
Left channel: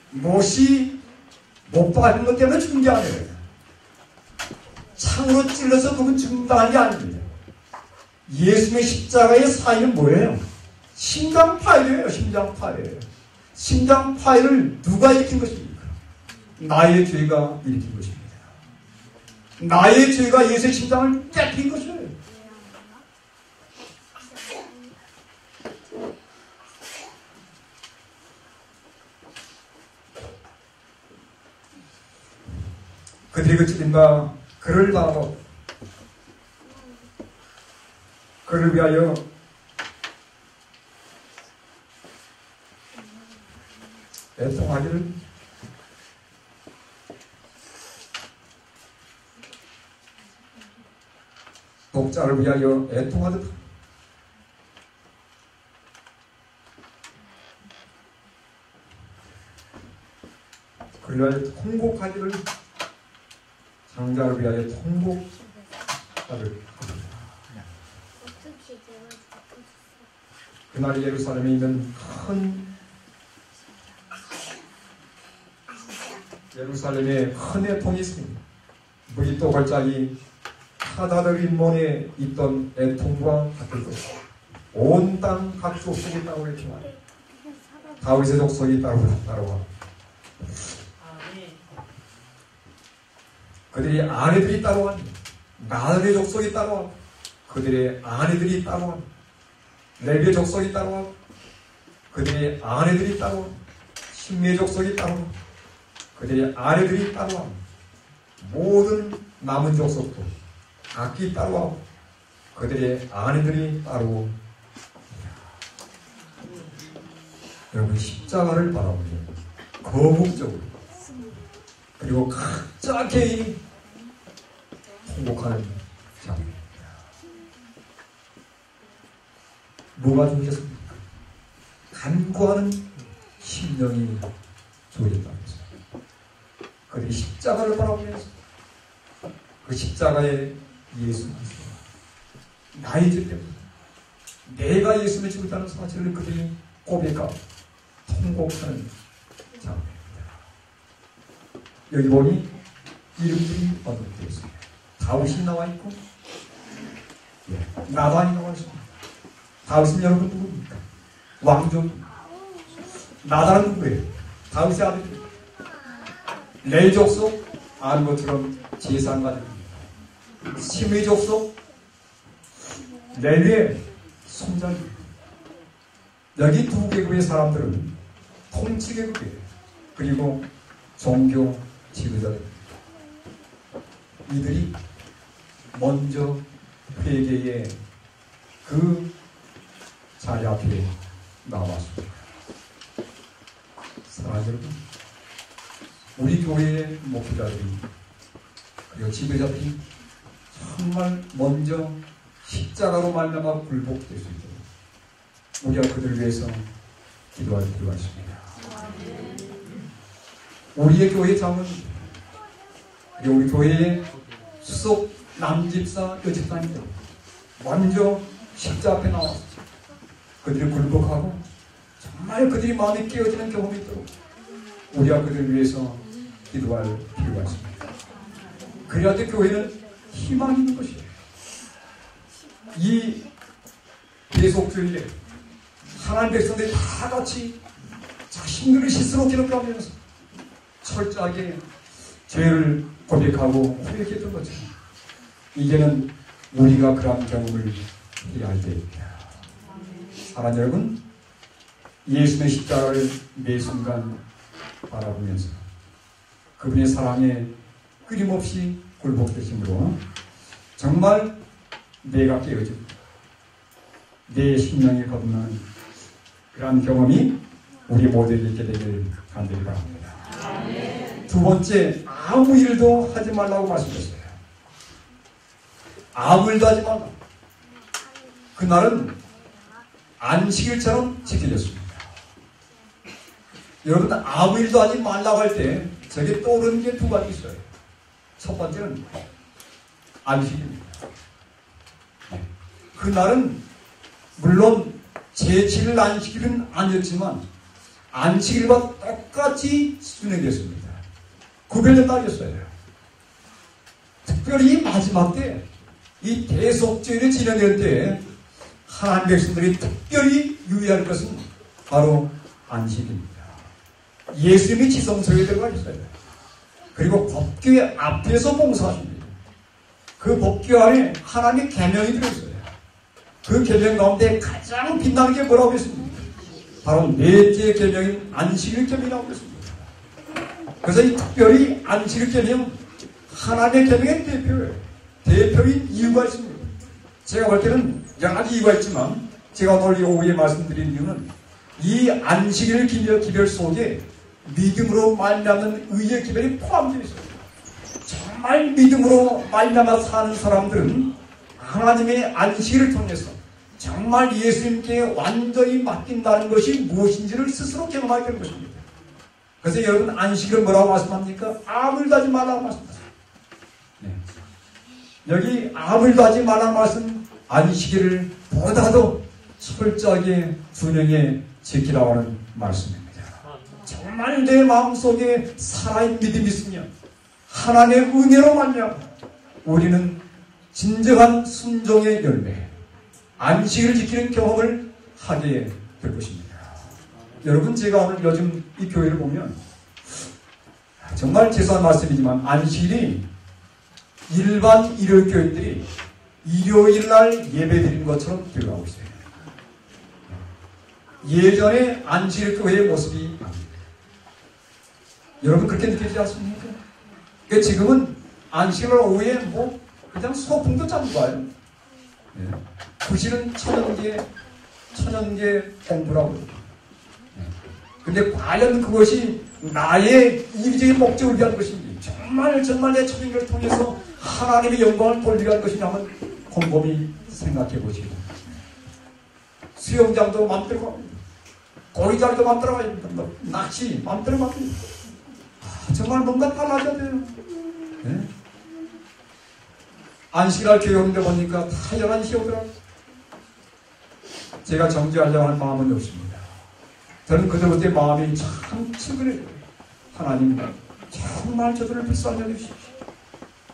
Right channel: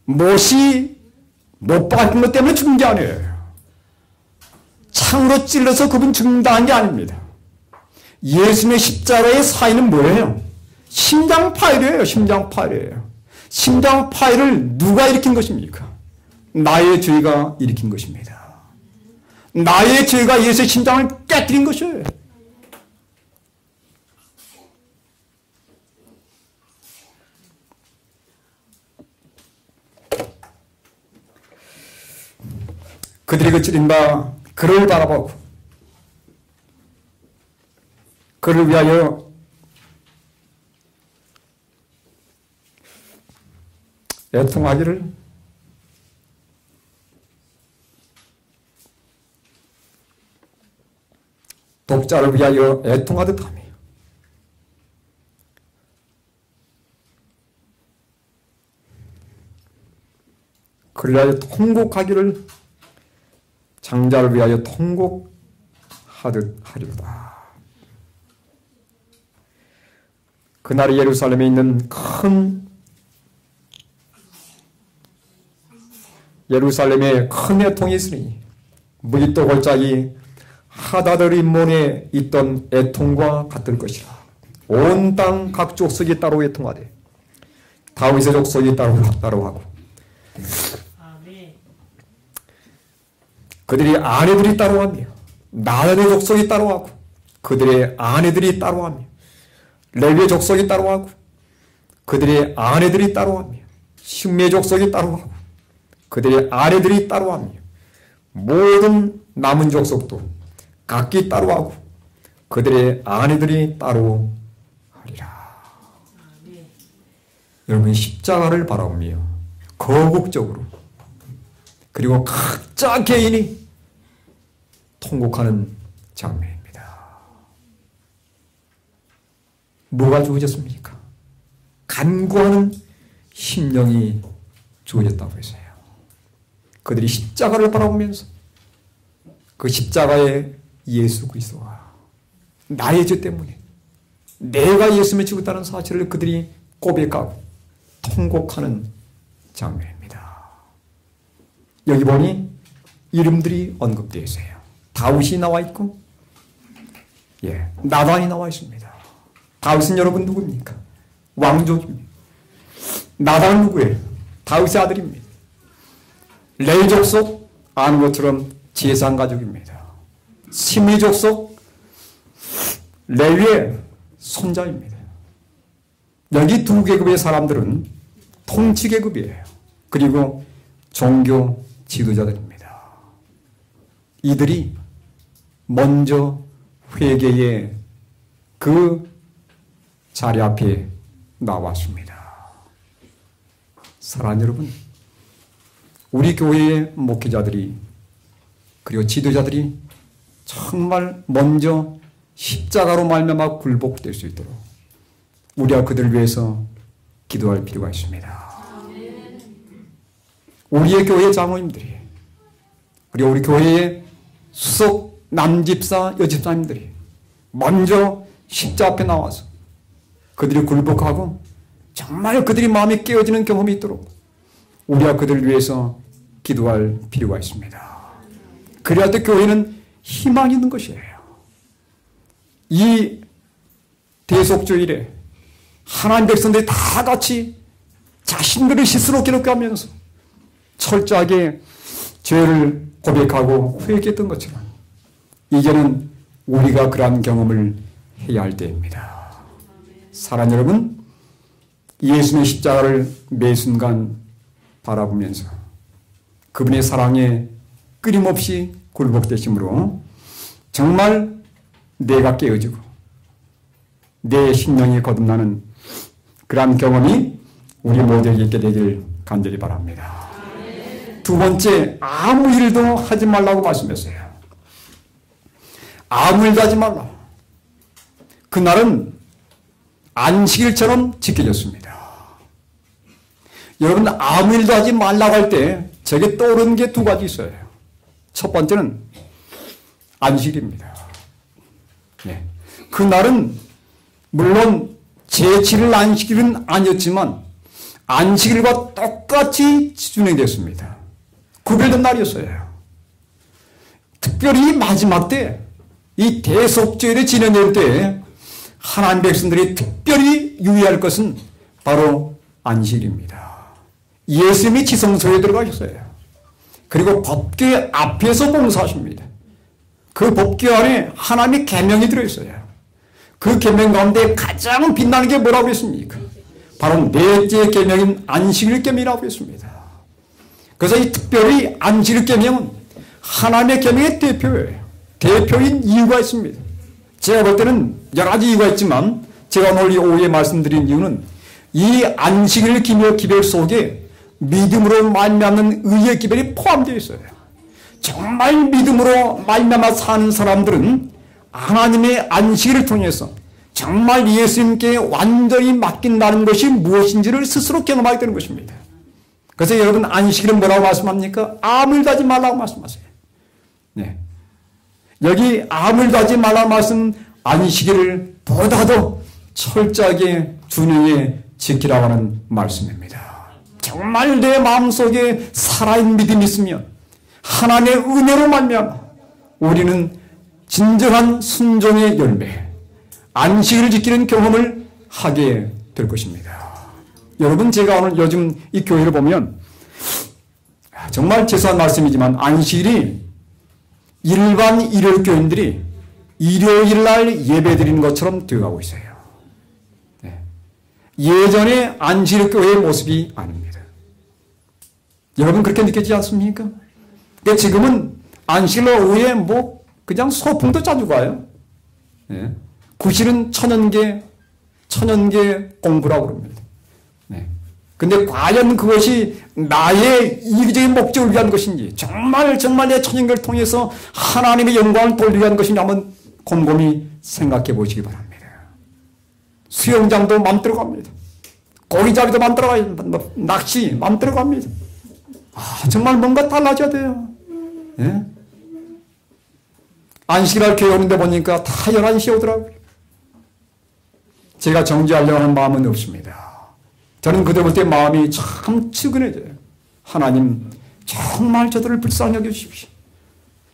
못이 못 박은 것 때문에 죽은 게 아니에요. 창으로 찔러서 그분 죽는다는 게 아닙니다. 예수님의 십자가의 사인은 뭐예요? 심장파일이에요. 심장파일이에요. 심장파일을 누가 일으킨 것입니까? 나의 죄가 일으킨 것입니다. 나의 죄가 예수의 심장을 깨뜨린 것이에요. 그들이 그 찔린 바 그를 바라보고 그를 위하여 애통하기를 독자를 위하여 애통하듯 하며 그를 위하여 통곡하기를 장자를 위하여 통곡하듯 하리라. 그날에 예루살렘에 있는 예루살렘에 큰 애통이 있으니 무기또 골짜기 하다드림몬에 있던 애통과 같을 것이다. 온 땅 각 족속이 따로 애통하되 다윗의 족속이 따로 하고 그들의 아내들이 따로하며 나단의 족속이 따로하고 그들의 아내들이 따로하며 레위의 족속이 따로하고 그들의 아내들이 따로하며 심리의 족속이 따로하고 그들의 아내들이 따로하며 모든 남은 족속도 각기 따로하고 그들의 아내들이 따로하리라. 여러분 십자가를 바라보며 거국적으로 그리고 각자 개인이 통곡하는 장면입니다. 뭐가 주어졌습니까? 간구하는 심령이 주어졌다고 했어요. 그들이 십자가를 바라보면서 그 십자가의 예수 그리스도와 나의 죄 때문에 내가 예수님을 죽었다는 사실을 그들이 고백하고 통곡하는 장면입니다. 여기 보니 이름들이 언급되어 있어요. 다윗이 나와 있고 나단이 나와 있습니다. 다윗은 여러분 누굽니까? 왕족입니다. 나단은 누구예요? 다윗의 아들입니다. 레위 족속 아는 것처럼 제사장 가족입니다. 심리 족속 레위의 손자입니다. 여기 두 계급의 사람들은 통치 계급이에요. 그리고 종교 지도자들입니다. 이들이 먼저 회개의 그 자리 앞에 나왔습니다. 사랑하는 여러분, 우리 교회의 목회자들이 그리고 지도자들이 정말 먼저 십자가로 말미암아 굴복될 수 있도록 우리가 그들을 위해서 기도할 필요가 있습니다. 우리의 교회 장로님들이 그리고 우리 교회의 수석 남집사 여집사님들이 먼저 십자 앞에 나와서 그들이 굴복하고 정말 그들이 마음이 깨어지는 경험이 있도록 우리가 그들을 위해서 기도할 필요가 있습니다. 그래야 또 교회는 희망이 있는 것이에요. 이 대속주일에 하나님 백성들이 다 같이 자신들을 스스로 기록하면서 철저하게 죄를 고백하고 회개했던 것처럼 이제는 우리가 그러한 경험을 해야 할 때입니다. 사랑하는 여러분, 예수님의 십자가를 매 순간 바라보면서 그분의 사랑에 끊임없이 굴복되심으로 정말 내가 깨어지고 내 심령이 거듭나는 그러한 경험이 우리 모두에게 있게 되길 간절히 바랍니다. 두 번째, 아무 일도 하지 말라고 말씀했어요. 아무 일도 하지 말라. 그날은 안식일처럼 지켜졌습니다. 여러분, 아무 일도 하지 말라고 할 때 저게 떠오르는 게 두 가지 있어요. 첫 번째는 안식일입니다. 그날은 물론 제7일 안식일은 아니었지만 안식일과 똑같이 진행됐습니다. 구별된 날이었어요. 특별히 마지막 때 이 대속죄일이 진행될 때 하나님 백성들이 특별히 유의할 것은 바로 안식일입니다. 예수님이 지성소에 들어가셨어요. 그리고 법궤 앞에서 봉사하십니다. 그 법궤 안에 하나님의 계명이 들어있어요. 그 계명 가운데 가장 빛나는 게 뭐라고 했습니까? 바로 넷째 계명인 안식일 계명이라고 했습니다. 그래서 이 특별히 안식일 계명은 하나님의 계명의 대표예요. 대표인 이유가 있습니다. 제가 볼 때는 여러 가지 이유가 있지만 제가 오늘 오후에 말씀드린 이유는 이 안식일 기별 속에 믿음으로 말미암는 의의 기별이 포함되어 있어요. 정말 믿음으로 말미암아 사는 사람들은 하나님의 안식일을 통해서 정말 예수님께 완전히 맡긴다는 것이 무엇인지를 스스로 경험하게 되는 것입니다. 그래서 여러분 안식일은 뭐라고 말씀합니까? 암을 하지 말라고 말씀하세요. 네. 여기 암을 하지 말라고 말씀 안식일을 보다도 철저하게 준용해 지키라고 하는 말씀입니다. 정말 내 마음속에 살아있는 믿음이 있으면 하나님의 은혜로 말미암아 우리는 진정한 순종의 열매 안식일을 지키는 경험을 하게 될 것입니다. 여러분 제가 오늘 요즘 이 교회를 보면 정말 죄송한 말씀이지만 안식일이 일반 일요일 교인들이 일요일 날 예배 드리는 것처럼 되어가고 있어요. 예전에 안식일 교회의 모습이 아닙니다. 여러분 그렇게 느끼지 않습니까? 그러니까 지금은 안식일 오후에 뭐 그냥 소풍도 자주 가요. 구실은 천연계 공부라고 그럽니다. 근데 과연 그것이 나의 이기적인 목적을 위한 것인지 정말 내 천연계를 통해서 하나님의 영광을 돌리기 위한 것인지 한번 곰곰이 생각해 보시기 바랍니다. 수영장도 맘대로 갑니다. 고기잡이도 맘대로 가요. 낚시 맘대로 갑니다. 정말 뭔가 달라져야 돼요. 예? 안식일날 교회 오는데 보니까 다 11시에 오더라고요. 제가 정지하려고 하는 마음은 없습니다. 저는 그들 볼 때 마음이 참 측은해져요. 하나님 정말 저들을 불쌍히 여겨주십시오.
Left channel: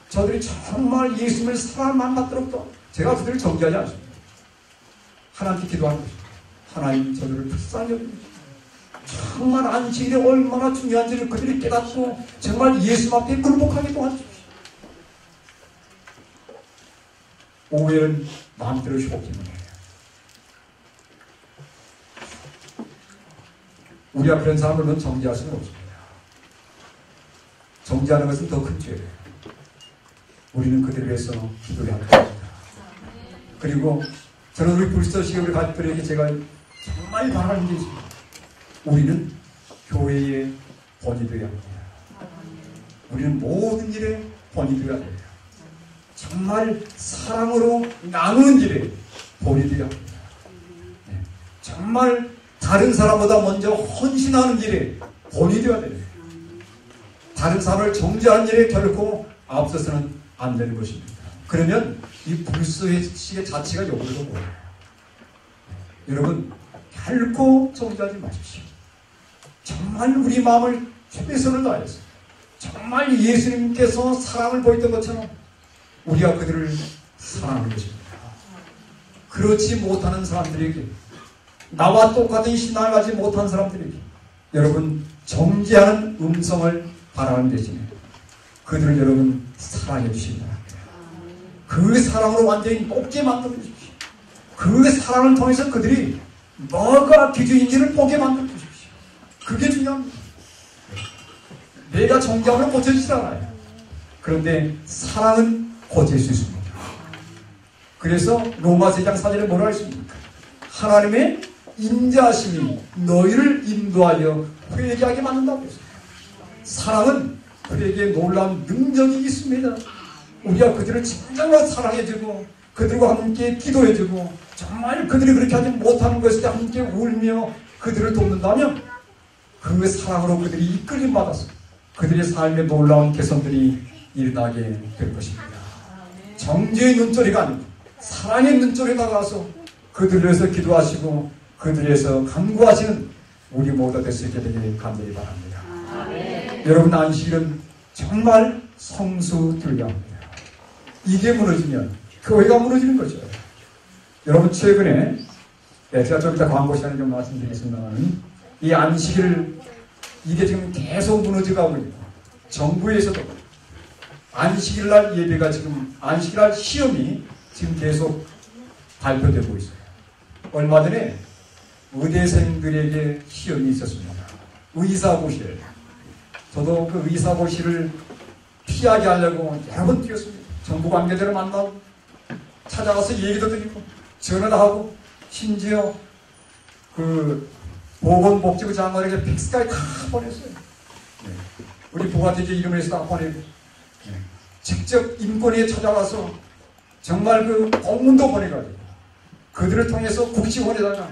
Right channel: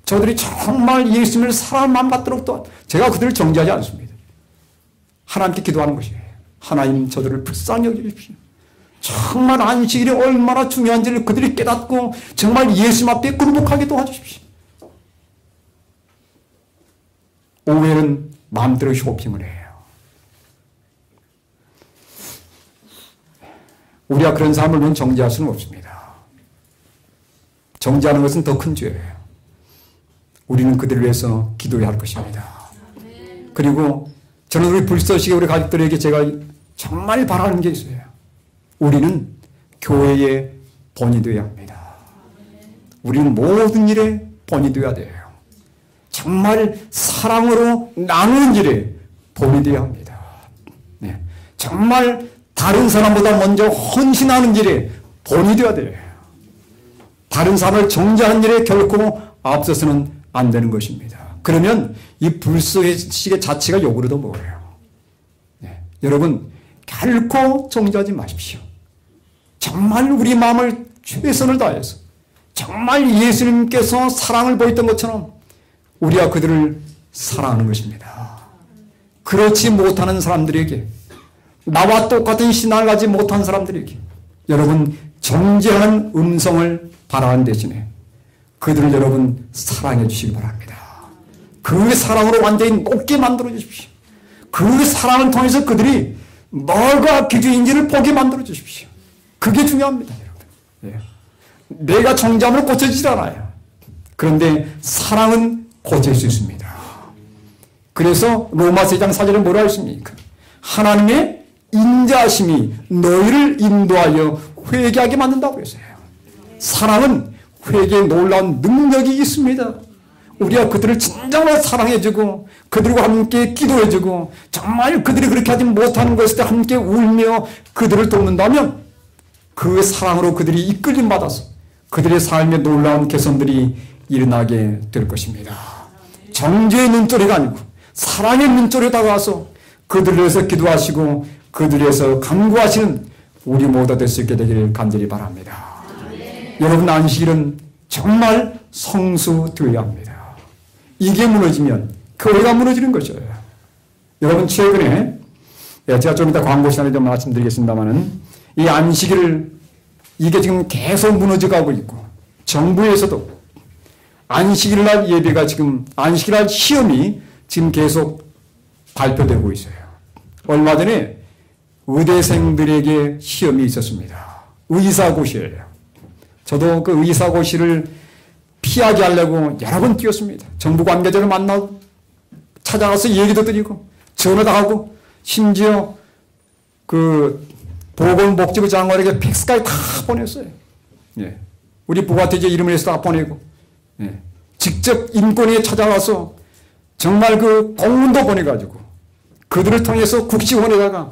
저들이 정말 예수님을 사랑만 받도록 또 제가 그들을 정지하지 않습니다. 하나님께 기도하는 것입니다. 하나님 저들을 불쌍히 여겨주십시오. 정말 안식일이 얼마나 중요한지를 그들이 깨닫고 정말 예수님 앞에 굴복하게 도와주십시오. 오후에는 마음대로 쇼핑을 해요. 우리가 그런 삶을 정지할 수는 없습니다. 정지하는 것은 더 큰 죄예요. 우리는 그들을 위해서 기도해야 할 것입니다. 그리고 저는 우리 불서시계 우리 가족들에게 제가 정말 바라는 게 있어요. 우리는 교회의 본이 되어야 합니다. 우리는 모든 일에 본이 되어야 돼요. 정말 사랑으로 나누는 일에 본이 되어야 합니다. 네. 정말 다른 사람보다 먼저 헌신하는 일에 본이 되어야 돼요. 다른 사람을 정죄하는 일에 결코 앞서서는 안 되는 것입니다. 그러면 이 불쏘시개 자체가 욕으로도 보여요. 네. 여러분 결코 정죄하지 마십시오. 정말 우리 마음을 최선을 다해서 정말 예수님께서 사랑을 보였던 것처럼 우리가 그들을 사랑하는 것입니다. 그렇지 못하는 사람들에게 나와 똑같은 신앙을 가지 못한 사람들에게 여러분 정죄하는 음성을 바라는 대신에 그들을 여러분 사랑해 주시기 바랍니다. 그 사랑으로 완전히 높게 만들어 주십시오. 그 사랑을 통해서 그들이 뭐가 기준인지를 보게 만들어 주십시오. 그게 중요합니다. 내가 정죄함으로 고쳐지지 않아요. 그런데 사랑은 고칠 수 있습니다. 그래서 로마서 2장 4절에 뭐라 했습니까? 하나님의 인자하심이 너희를 인도하여 회개하게 만든다고 했어요. 사랑은 회개에 놀라운 능력이 있습니다. 우리가 그들을 진정으로 사랑해주고 그들과 함께 기도해주고 정말 그들이 그렇게 하지 못하는 것을 때 함께 울며 그들을 돕는다면 그 사랑으로 그들이 이끌림 받아서 그들의 삶에 놀라운 개선들이 일어나게 될 것입니다. 정죄의 눈초리가 아니고 사랑의 눈초리에 다가와서 그들을 위해서 기도하시고 그들을 위해서 간구하시는 우리 모두 될 수 있게 되기를 간절히 바랍니다. 여러분 안식일은 정말 성수되어야 합니다. 이게 무너지면 교회가 무너지는 것이에요. 여러분 최근에 제가 좀 이따 광고 시간에 좀 말씀드리겠습니다만은 이 안식일 이게 지금 계속 무너져가고 있고 정부에서도 안식일날 예배가 지금 안식일날 시험이 지금 계속 발표되고 있어요. 얼마 전에 의대생들에게 시험이 있었습니다. 의사고시를 저도 그 의사고시를 피하게 하려고 여러 번 뛰었습니다. 정부 관계자를 만나고 찾아가서 얘기도 드리고 전화도 하고 심지어 그 보건복지부 장관에게 팩스까지 다 보냈어요. 예. 우리 부가티제 이름을 해서 다 보내고 예. 직접 인권위에 찾아와서 정말 그 공문도 보내가지고 그들을 통해서 국시원에다가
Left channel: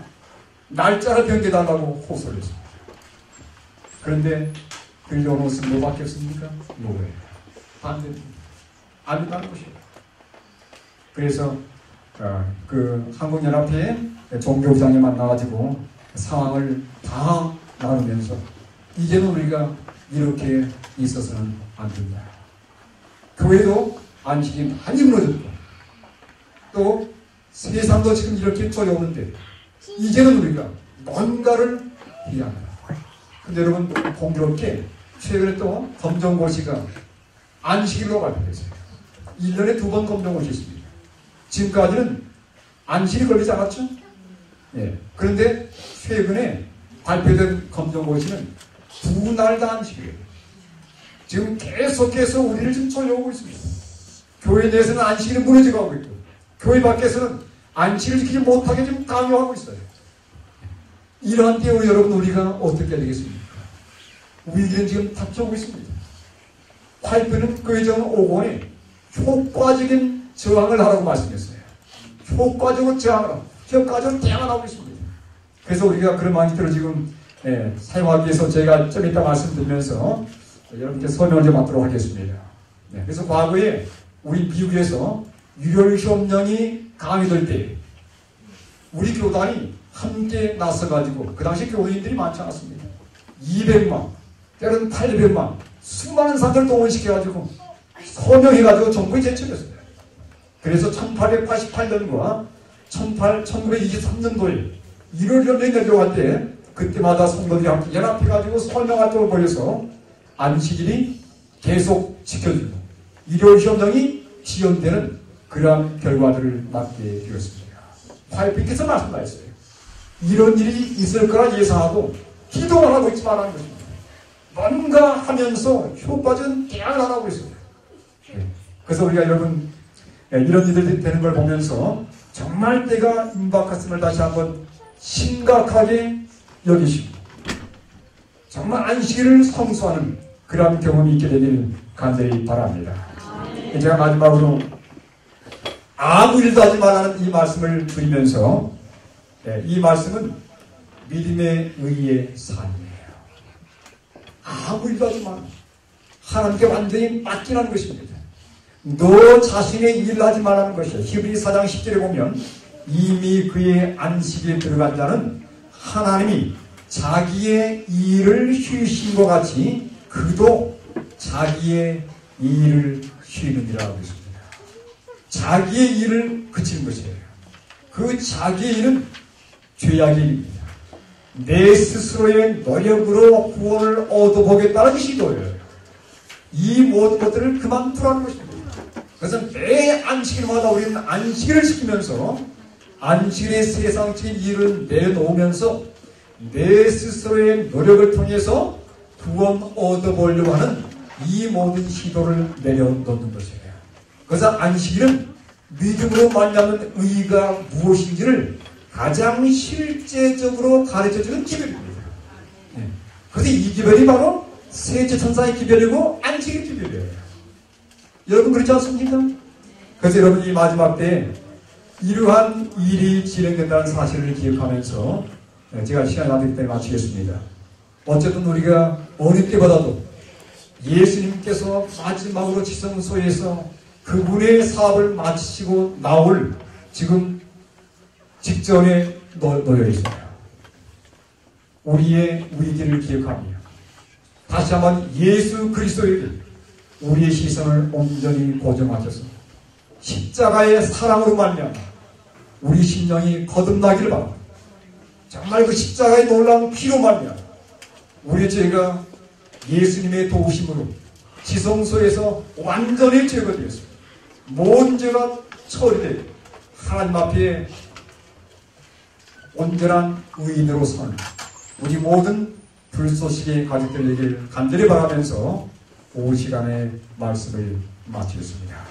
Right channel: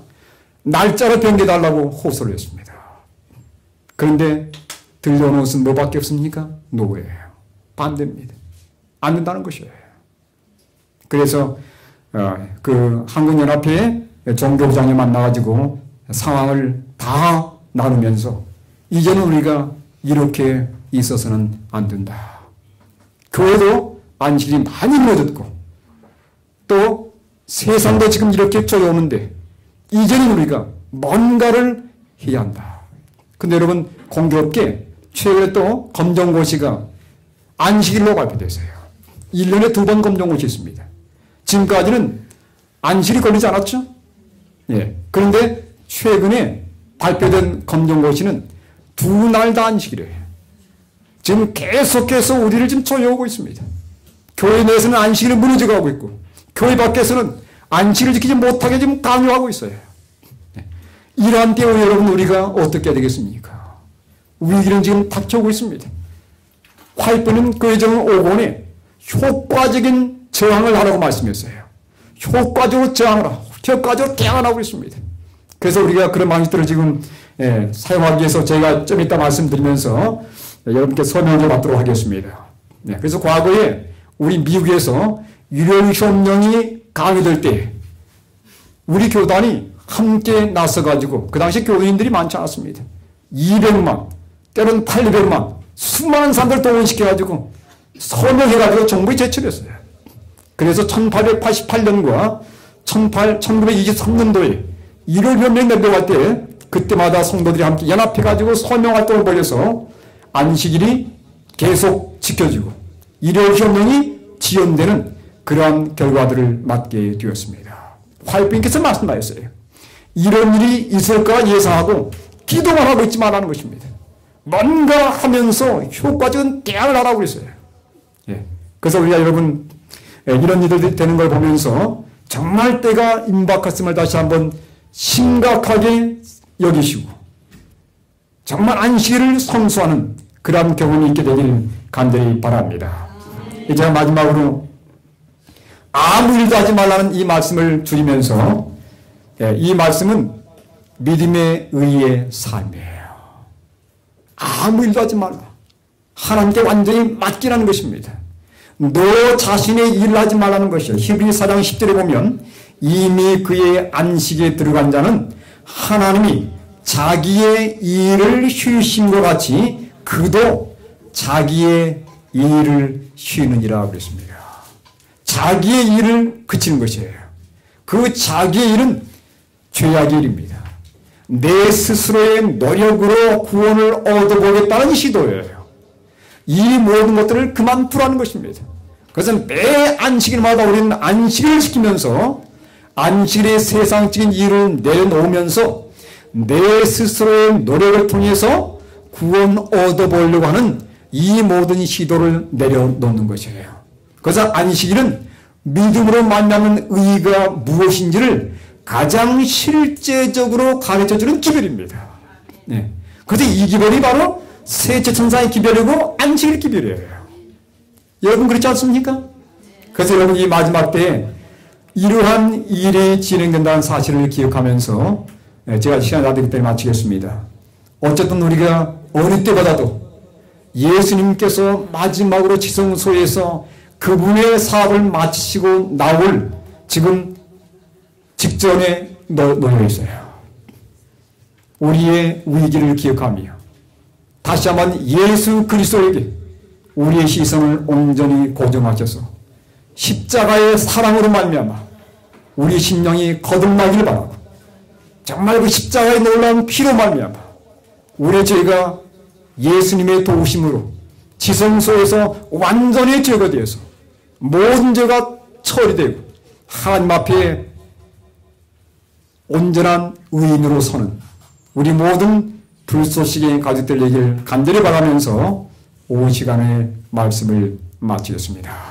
날짜를 변개달라고 호소를 했습니다. 그런데 들려오는 것은 뭐밖에 없습니까? 노예예요. 반대입니다. 안 된다는 것이에요. 그래서 그 한국연합회 종교부장이 만나가지고 상황을 다 나누면서 이제는 우리가 이렇게 있어서는 안 된다. 교회도 안식일이 많이 무너졌고 또 세상도 지금 이렇게 쪼여오는데 이제는 우리가 뭔가를 해야 한다. 근데 여러분 공교롭게 최근에 또 검정고시가 안식일로 발표됐어요. 1년에 2번 검정고시 있습니다. 지금까지는 안식일이 걸리지 않았죠? 예. 그런데 최근에 발표된 검정고시는 2날 다 안식일이에요. 지금 계속해서 우리를 지금 조여오고 있습니다. 교회 내에서는 안식일이 무너져가고 있고 교회 밖에서는 안식일을 지키지 못하게 지금 강요하고 있어요. 이러한 때에 여러분 우리가 어떻게 해야 되겠습니까? 위기는 지금 닥쳐오고 있습니다. 화이트는 그 예정을 5권에 효과적인 저항을 하라고 말씀했어요. 효과적으로 저항하라. 효과적으로 개항하고 있습니다. 그래서 우리가 그런 방식들을 지금 사용하기 위해서 제가 좀 이따 말씀드리면서 여러분께 설명을 받도록 하겠습니다. 그래서 과거에 우리 미국에서 유료협령이 강의될 때 우리 교단이 함께 나서가지고 그 당시 교인들이 많지 않았습니다. 200만 때로는 800만 수많은 사람들 동원시켜가지고 서명해가지고 정부에 제출했어요. 그래서 1888년과 1923년도에 유료협령이 맺어갈 때 그때마다 성도들이 함께 연합해가지고 서명활동을 벌여서 안식일이 계속 지켜지고 유료협령이 지연되는 그러한 결과들을 맞게 되었습니다. 화이트님께서 말씀하셨어요. 이런 일이 있을까 예상하고 기도만 하고 있지 말라는 것입니다. 뭔가 하면서 효과적인 대안을 하라고 했어요. 그래서 우리가 여러분 이런 일들이 되는 걸 보면서 정말 때가 임박했음을 다시 한번 심각하게 여기시고 정말 안식일을 성수하는 그런 경험이 있게 되길 간절히 바랍니다. 이제 마지막으로 아무 일도 하지 말라는 이 말씀을 드리면서 이 말씀은 믿음의 의의 삶이에요. 아무 일도 하지 말라. 하나님께 완전히 맡기라는 것입니다. 너 자신의 일을 하지 말라는 것이에요. 히브리서 4장 10절에 보면 이미 그의 안식에 들어간 자는 하나님이 자기의 일을 쉬신 것 같이 그도 자기의 일을 쉬느니라 그랬습니다. 자기의 일을 그치는 것이에요. 그 자기의 일은 죄악의 일입니다. 내 스스로의 노력으로 구원을 얻어보겠다는 시도예요. 이 모든 것들을 그만두라는 것입니다. 그것은 매 안식일마다 우리는 안식일을 지키면서 안식일의 세상적인 일을 내놓으면서 내 스스로의 노력을 통해서 구원 얻어보려고 하는 이 모든 시도를 내려놓는 것이에요. 그래서 안식일은 믿음으로 만나는 의의가 무엇인지를 가장 실제적으로 가르쳐주는 기별입니다. 그런데 이 기별이 바로 세체천사의 기별이고 안식일 기별이에요. 여러분 그렇지 않습니까? 그래서 여러분 이 마지막 때에 이러한 일이 진행된다는 사실을 기억하면서 제가 시간이 다 되기 때문에 마치겠습니다. 어쨌든 우리가 어느 때보다도 예수님께서 마지막으로 지성소에서 그분의 사업을 마치시고 나올 지금 직전에 놓여 있어요. 우리의 위기를 기억하며 다시 한번 예수 그리스도에게 우리의 시선을 온전히 고정하셔서 십자가의 사랑으로 말미암아 우리 심령이 거듭나기를 바라고 정말 그 십자가의 놀라운 피로 말미암아 우리 저희가 예수님의 도우심으로 지성소에서 완전히 제거되어서 모든 죄가 처리되고 하나님 앞에 온전한 의인으로 서는 우리 모든 불소식의 가족들 되길 간절히 바라면서 오후 시간에 말씀을 마치겠습니다.